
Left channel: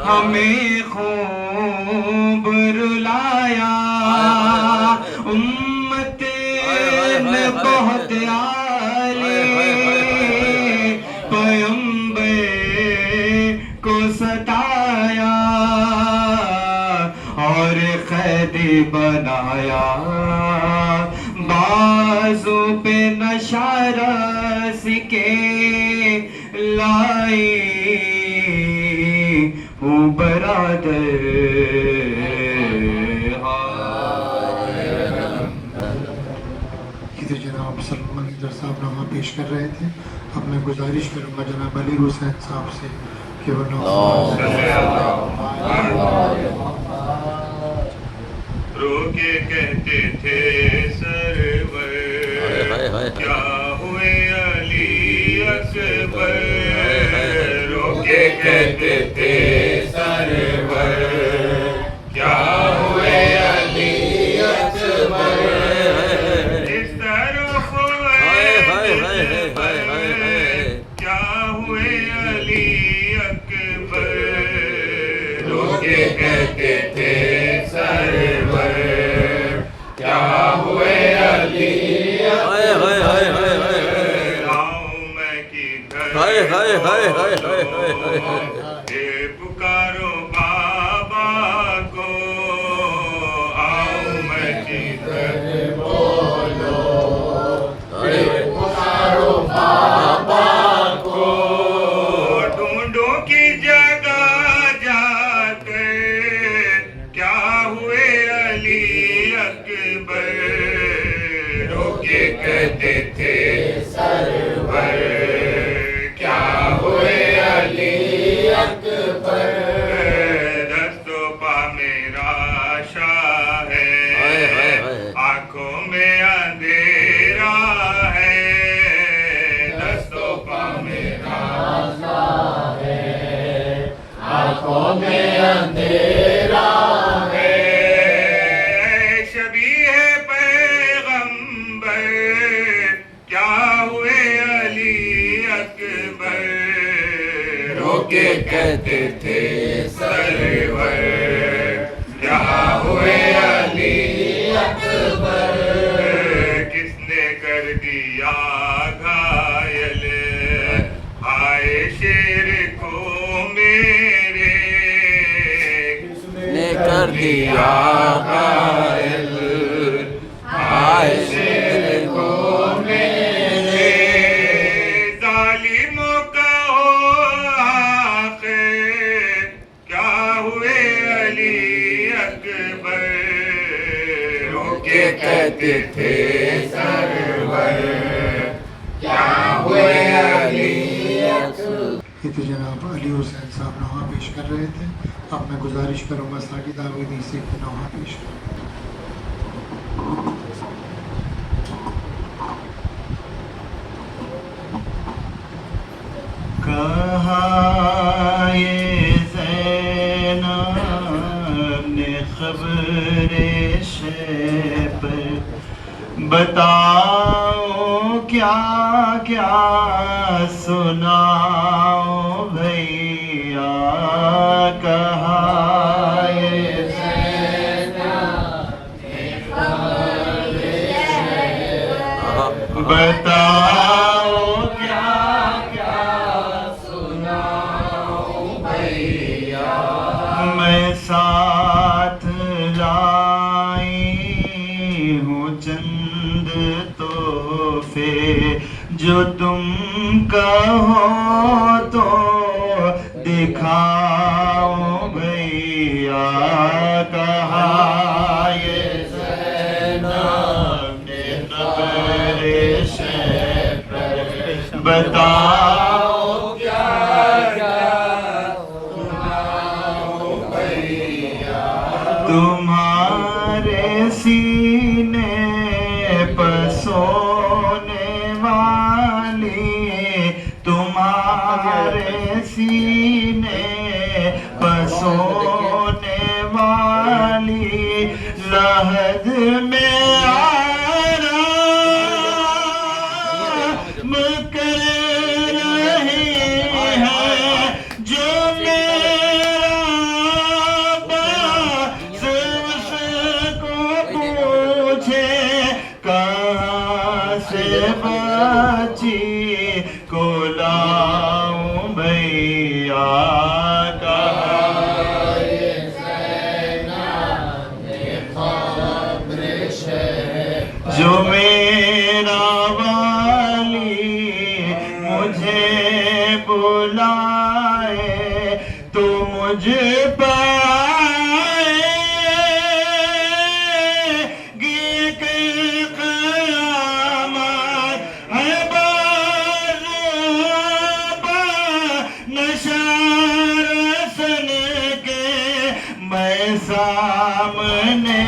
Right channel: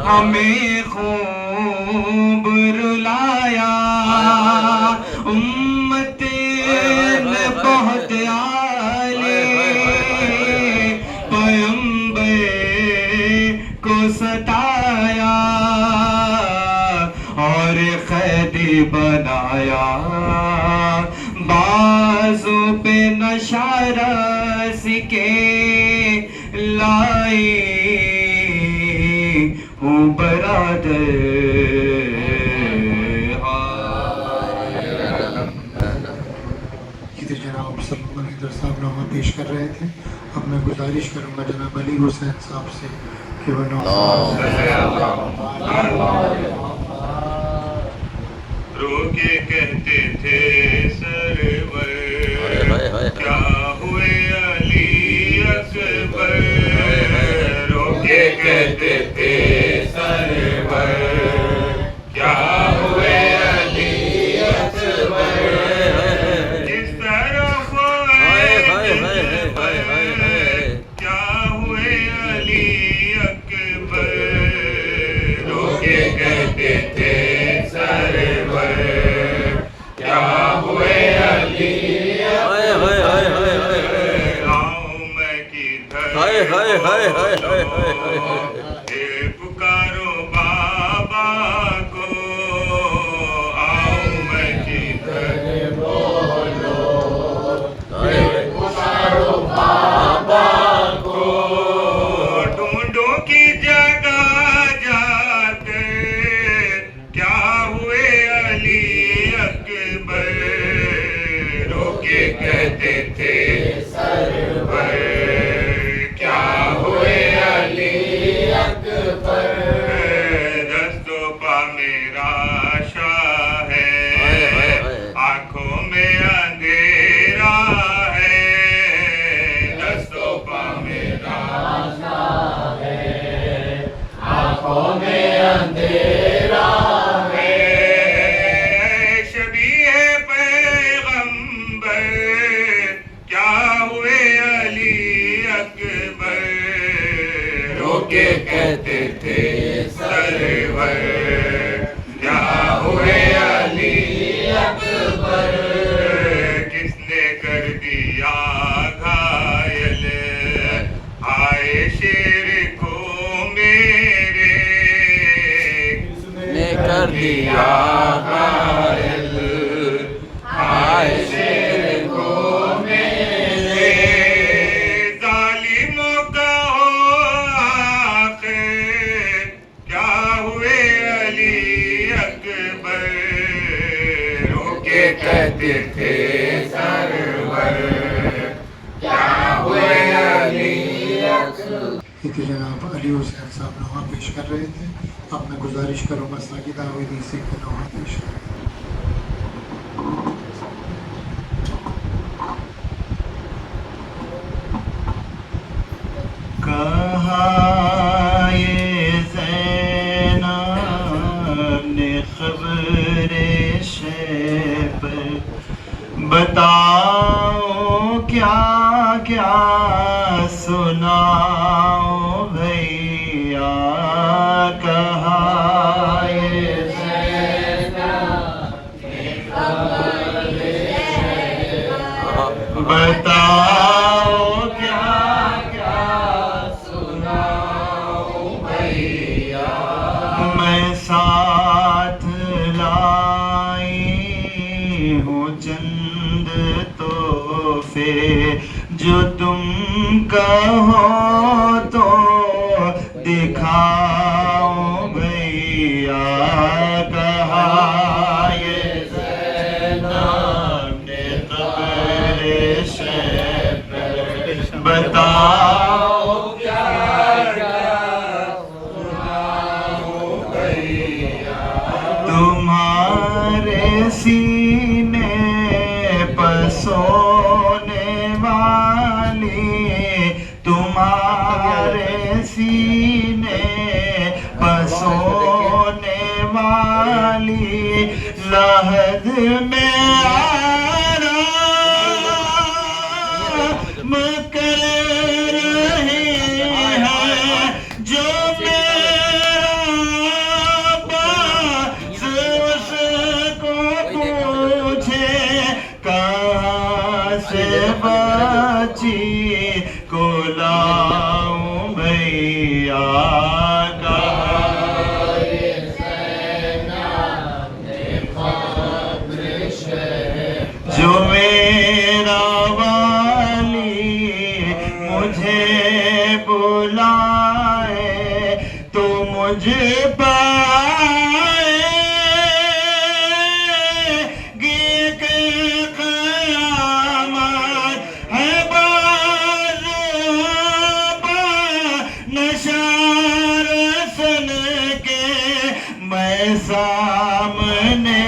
हमें खूब रुलाया उम्मत में बहुत आए पैगंबर को सताया और कैदी बनाया बाजू पे नशारस के लाई हूँ बरादर इधर जनाब सलमान इधर साहब नामा पेश कर रहे थे। अब मैं गुजारिश करूँगा जनाब अली हुसैन साहब से कि वो रोके कहते थे सरवर क्या हुए अली अकबर रोके कहते थे सरवर क्या हुए अली अकबर इस तरफ क्या हुए अली अकबर रोके कहते थे सरवर क्या हुए अली पुकारो बाबा को आओ मैं किधर बोलो पुकारो बाबा को ढूंढो की जगह जाकर क्या हुए अली अकबर रोके कहते थे सरवर क्या हुए अली अकबर दस्तों पा मेरा शाह है आंखों में अंधेरा है दस्तों पा मेरा शाह है आंखों में अंधेरा है शबीह पैगंबर क्या हुए अली अकबर रोके कहते थे सरवर क्या हुए अली अकबर किसने कर दिया घायल आए शेर को मेरे ने कर दिया घायल आए शेर को मेरे जालिमों का हो आखिर क्या हुए अली अकबर रोके कहते थे सरवर क्या हुए अली इधर जनाब अली हुसैन साहब नामा पेश कर रहे थे। अब मैं गुजारिश करूँगा साजिद आवेदी से कि नामा पेश करें। कहाँ ये ज़ैनब ने ख़बरे शैब बताओ क्या क्या सुनाओ भैया कहाँ ये बताओ क्या क्या सुनाओ भैया मैं साथ लाई हूँ चंद तोहफे जो तुम कहो तो दिखा बताओ क्या क्या सुनाओ भैया। तुम्हारे सीने पर सोने वाली, तुम्हारे सीने पर सोने वाली लहद में आराम कर रहे हैं जो मेरा पास उसको पूछे कहाँ से बची को लाऊं भैया। जो मेरा वाली मुझे बुलाए तो मुझे पाएगी कि क़यामत है बाज़ुबा नशार सन के मैं सामने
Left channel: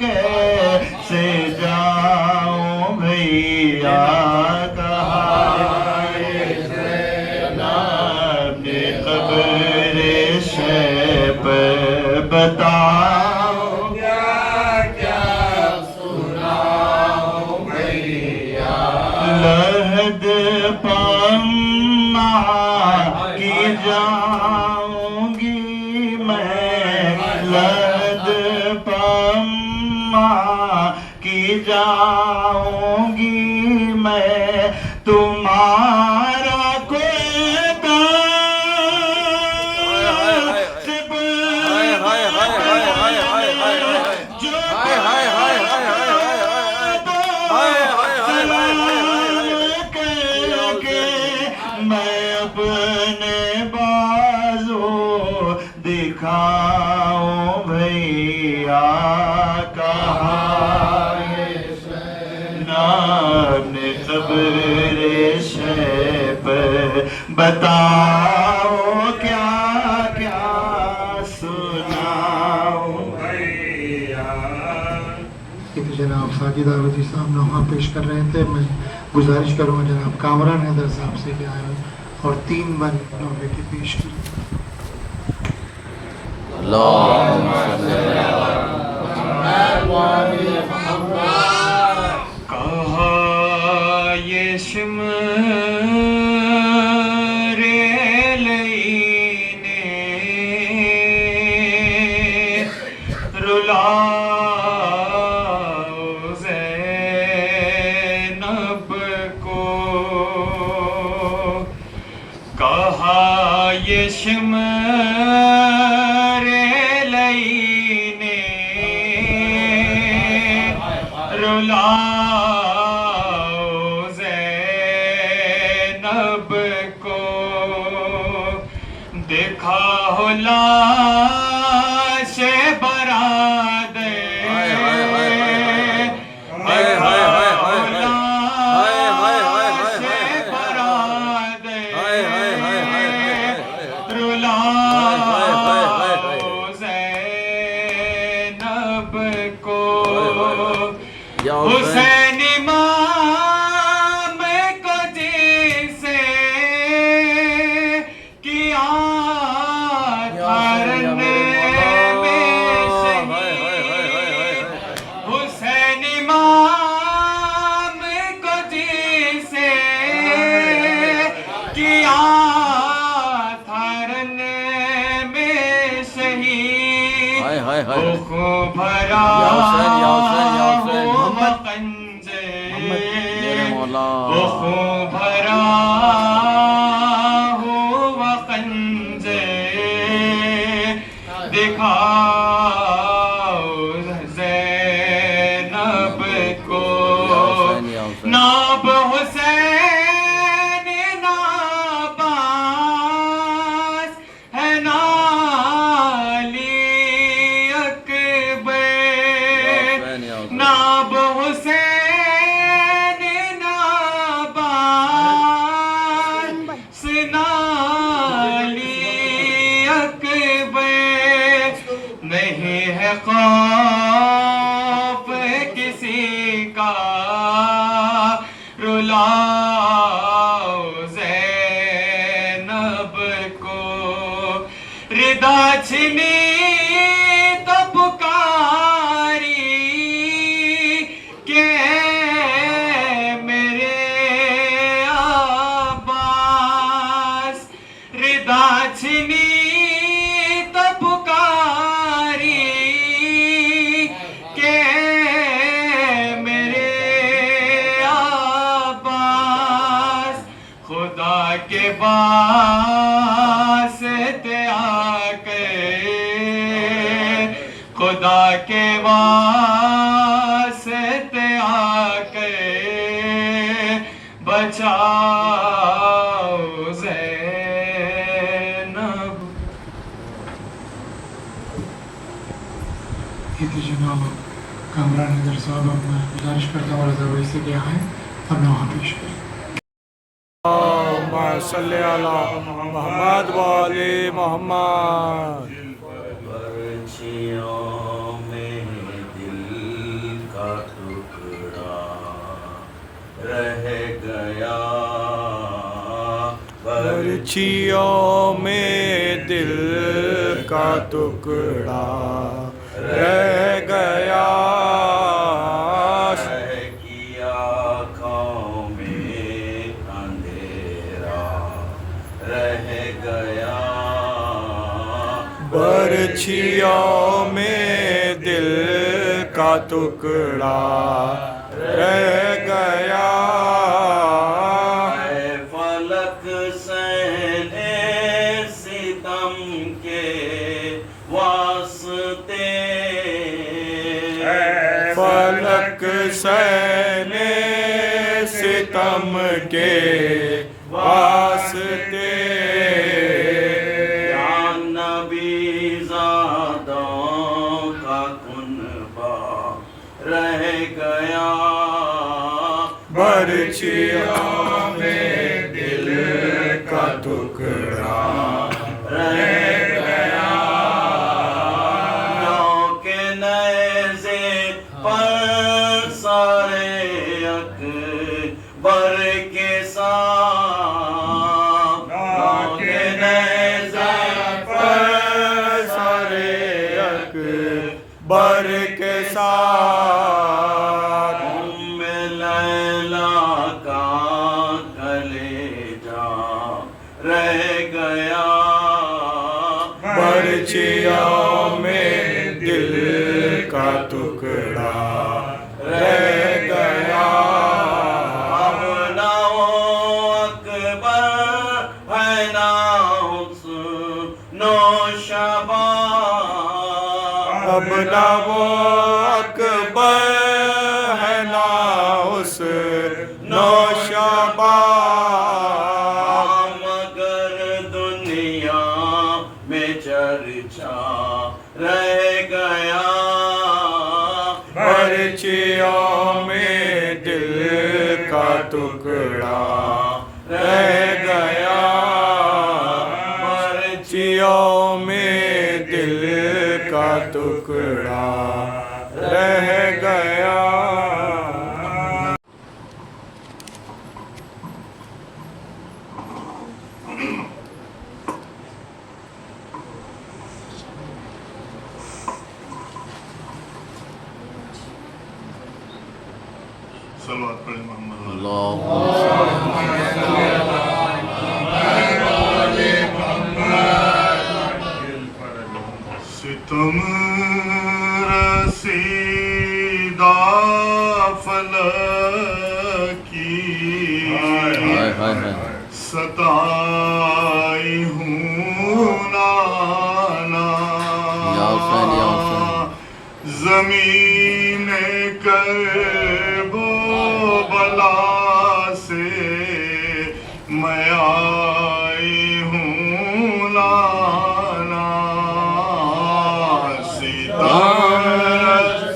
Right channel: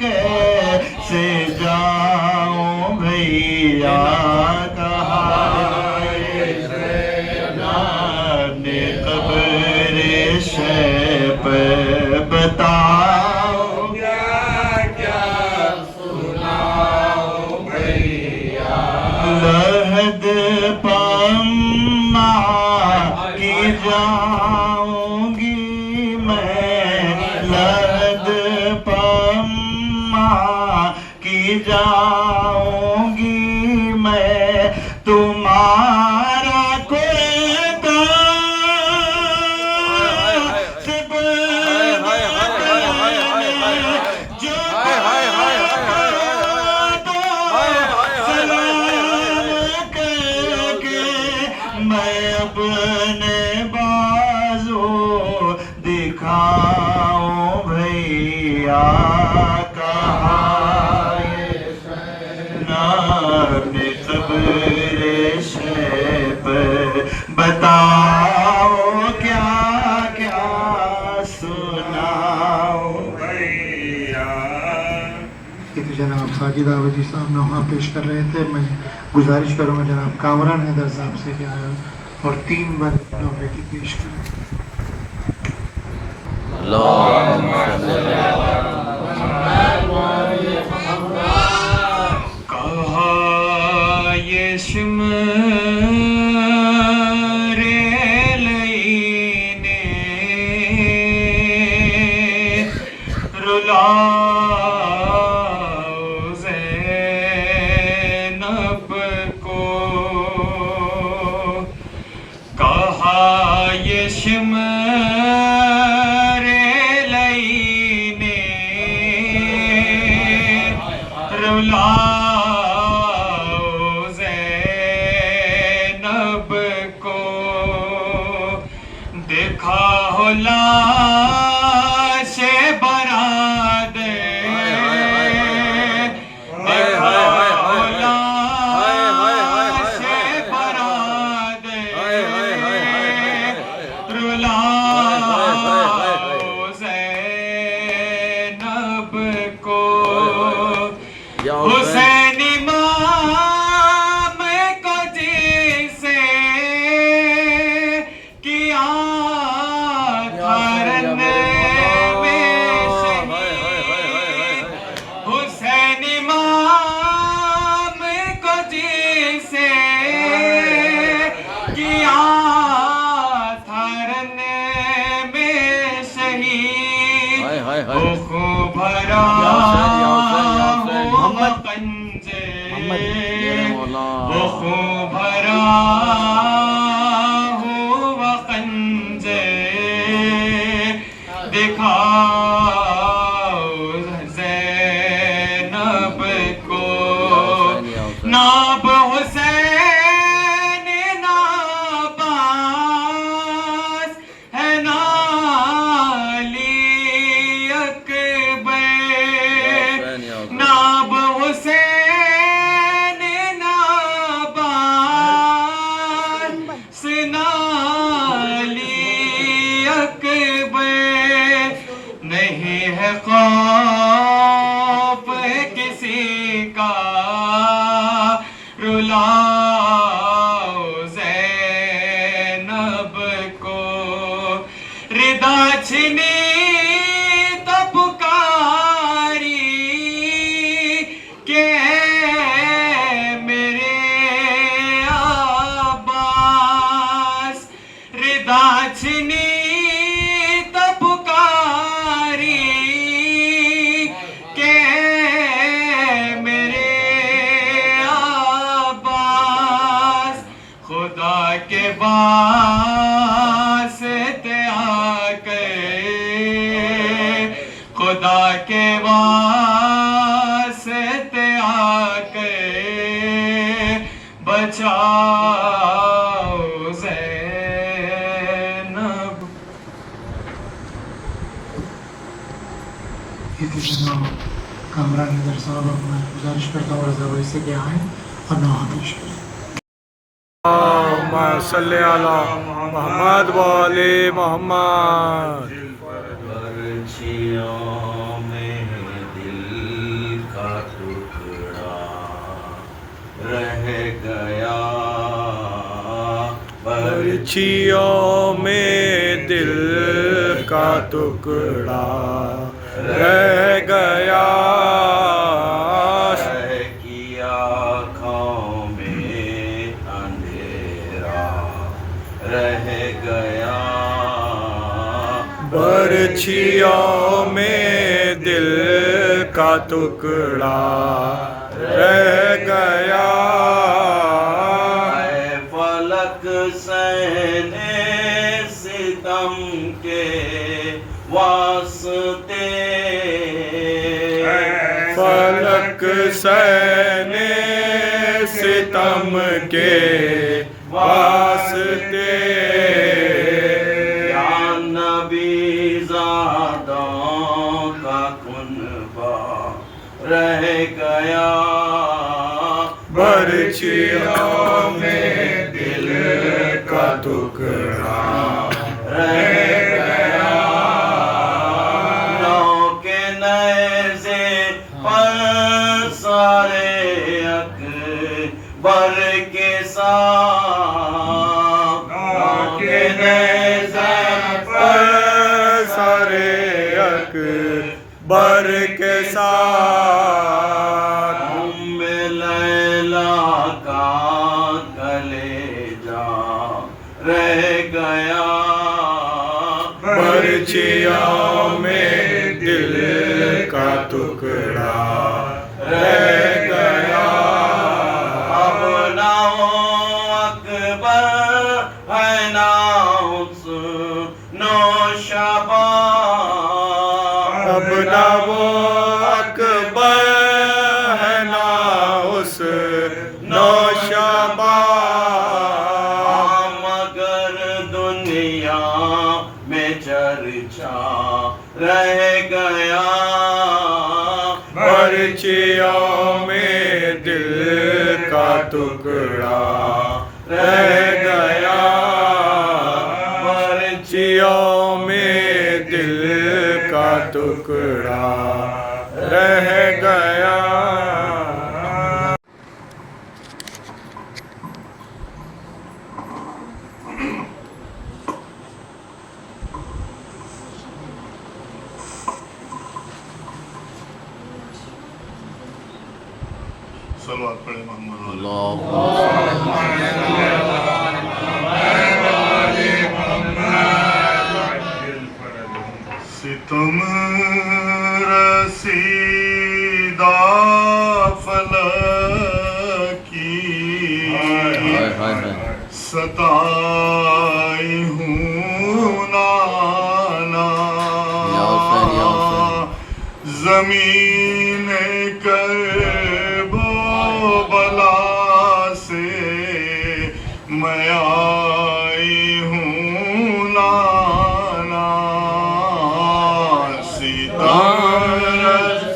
कैसे जाऊं भैया। अपने क़ब्र शैब बताओ क्या क्या सुनाओ भैया। लहद पम्मा की जाऊंगी मैं, लहद पम्मा की जाऊंगी मैं, तुम्हारा खुदा सिर्फ जो मैं अपने बाजू दिखाऊं भैया। कहाँ ना अपने क़ब्र शैब बताओ क्या क्या सुनाओ भैया। ये तो जनाब साजिद आबदी साहब नौहा पेश कर रहे थे। मैं गुजारिश करूँगा जनाब कामरान हैदर साहब से कि आए और 3 बार नौहे की पेश करें। कहा ये शिमरे लईने रुलाओ ज़ैनब को, कहा ये शिमरे लईने रुलाओ ज़ैनब को, देखा हो लाशे बरात ज़ैनब को, हुसैन इमाम को जिसे किया धरने में शहीद, हुसैन इमाम को जिसे किया धरने में शहीद, वो खूब भरा कंजे, वो खूब भरा हुआ कंजे, दिखाओ ज़ैनब को, नाब हुसैन नाबास है ना अली अकबर, नाब हुसैन नाबास खौफ किसी का रुलाओ ज़ैनब को, रिदा छिनी तो पुकारी के मेरे अब्बास, रिदा छिनी तो पुकारी के मेरे अब्बास, खुदा के वास्ते आके, खुदा के वास्ते आके बचाओ ज़ैनब। ये थे जनाब कामरान नजर साहब। अब मैं गुजारिश करता हूँ रजा भाई से कि आएँ और नौहा पेश करें। अल्लाहुम्मा सल्ली अला मोहम्मद व आले मोहम्मद। पर्चियों में दिल का टुकड़ा रह गया, पर्चियों में दिल का टुकड़ा रह गया, की आँखों में अंधेरा रह गया, पर्चियों में दिल का टुकड़ा रह गया, फलक सहने सितम के वास्ते, फलक सहने सितम के वास्ते, या नबी ज़ादों का कुनबा रह गया, पर्चियों में दिल का टुकड़ा रह गया, नौ के नज़े पर सारे अकबर के साथ, नौ के नज़े पर सारे अकबर के साथ, उम्मे लैला का कलेजा रह गया, पर्चियों में दिल का टुकड़ा रह गया, अब ना वो अकबर है ना उस नौशबा, अब ना वो अकबर है ना उस नौशबा, मगर दुनिया में चर्चा रह गया, पर्चियों में दिल का टुकड़ा रह गया, पर्चियों में दिल का टुकड़ा रह गया। सलवात पढ़े मोहम्मद। सितम रसीदा फलकी सताई हूँ नाना, जमीन करबो बला से मैं आई हूँ नाना, सितम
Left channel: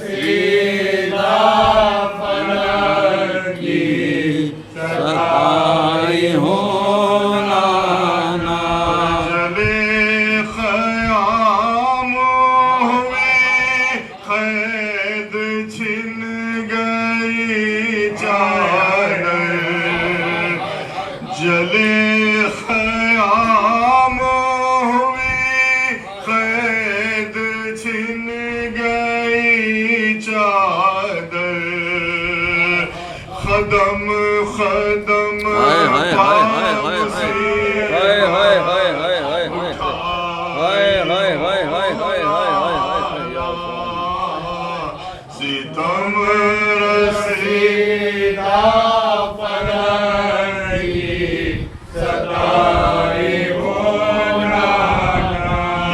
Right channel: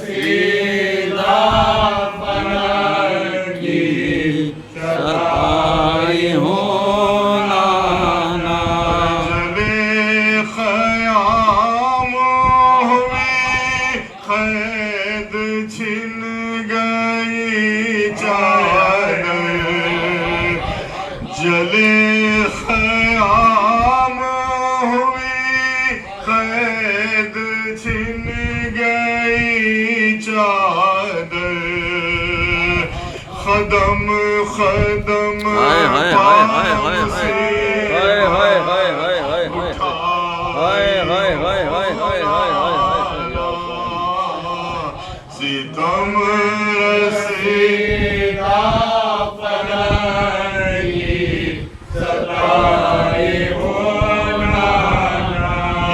सीधा फलकी सताई हो नाना, जले ख़याम हुए कदम कदम हाय हाय हाय हाय हाय हाय हाय हाय हाय हाय हाय हाय हाय हाय हाय हाय हाय हाय हाय सितम रसीदा पलंगी सताई होना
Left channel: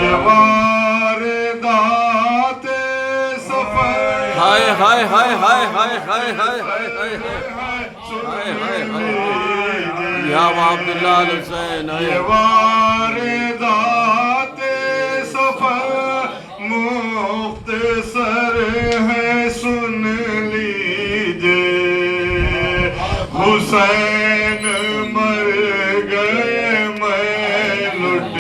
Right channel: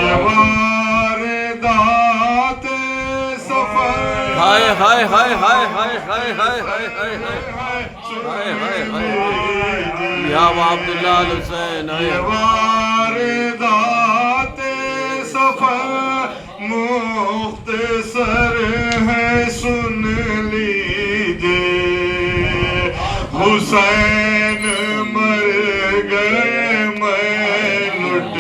यवार दाते सफर हाय हाय हाय हाय हाय हाय हाय हाय हाय हाय हाय हाय या अब्दुल्ला अल हुसैन हाय वारदाते सफर मुख्तसर है सुन लीजिए हुसैन मर गए मैं लुट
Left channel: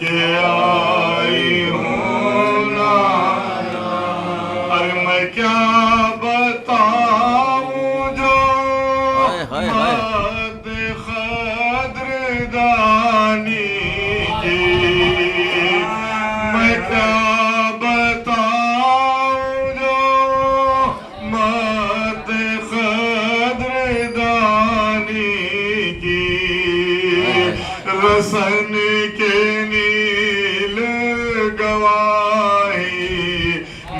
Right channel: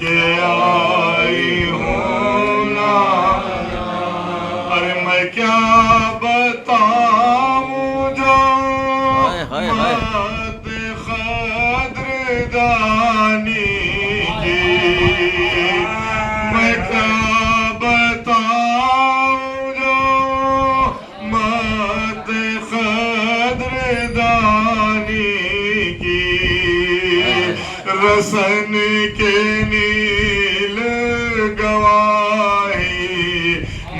के आई हूँ ना अरे मैं क्या बताऊँ जो हाय हाय हाय दानी जी मैं क्या बताऊं जो मत कद्रदानी की रसन के नील गवाही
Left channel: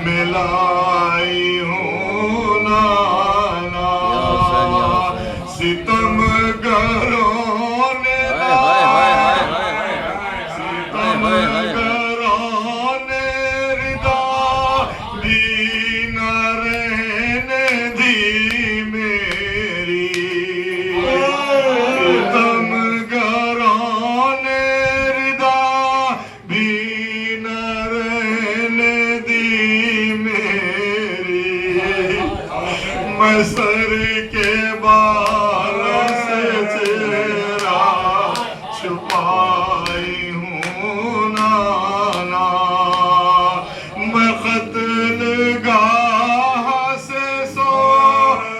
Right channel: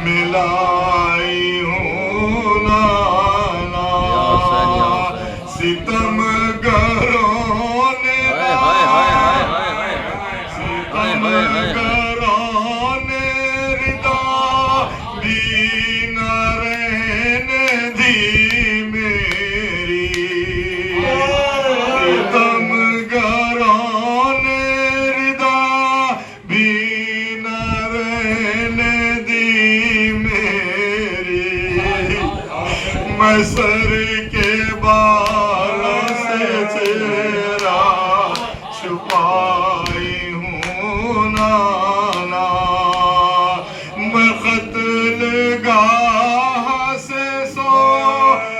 मिलाई हूँ नाना सितम गरों ने सर के बाल से चेहरा छुपाई हूँ नाना मैं क़त्लगाह से सौगात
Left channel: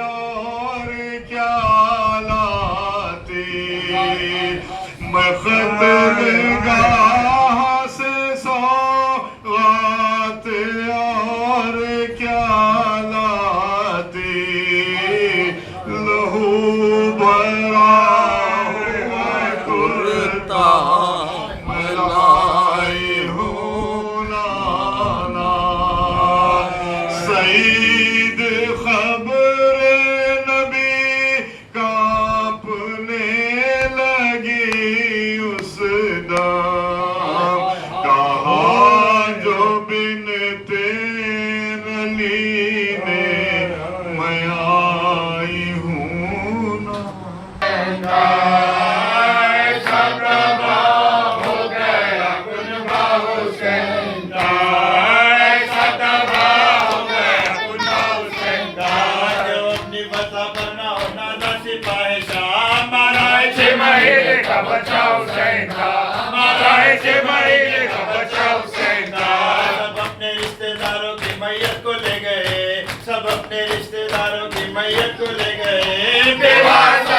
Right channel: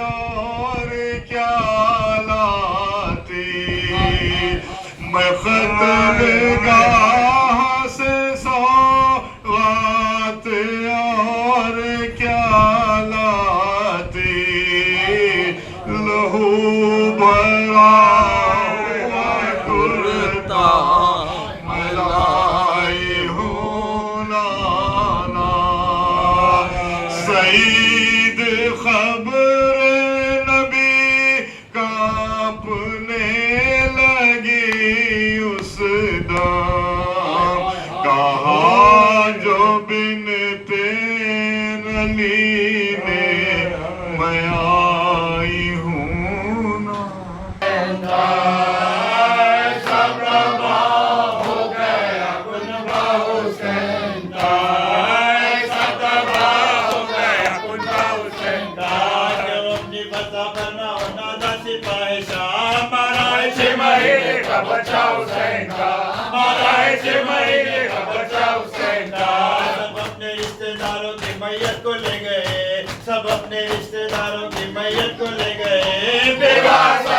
और क्या लाती मैं क़त्लगाह से सौगात और क्या लहू भरा हुआ कुर्ता लाई हूँ नाना सईद खबर नबी कांपने लगी उस दम कहा जो बिनते नली ने मैं आई हूँ ना बचाओ सैंधा माराए से महीने का बचाओ सैंधा सब अपने रिश्तेदारों की मैयत को ले गए सब अपने रिश्तेदारों की मैयत को ले गए बेवासा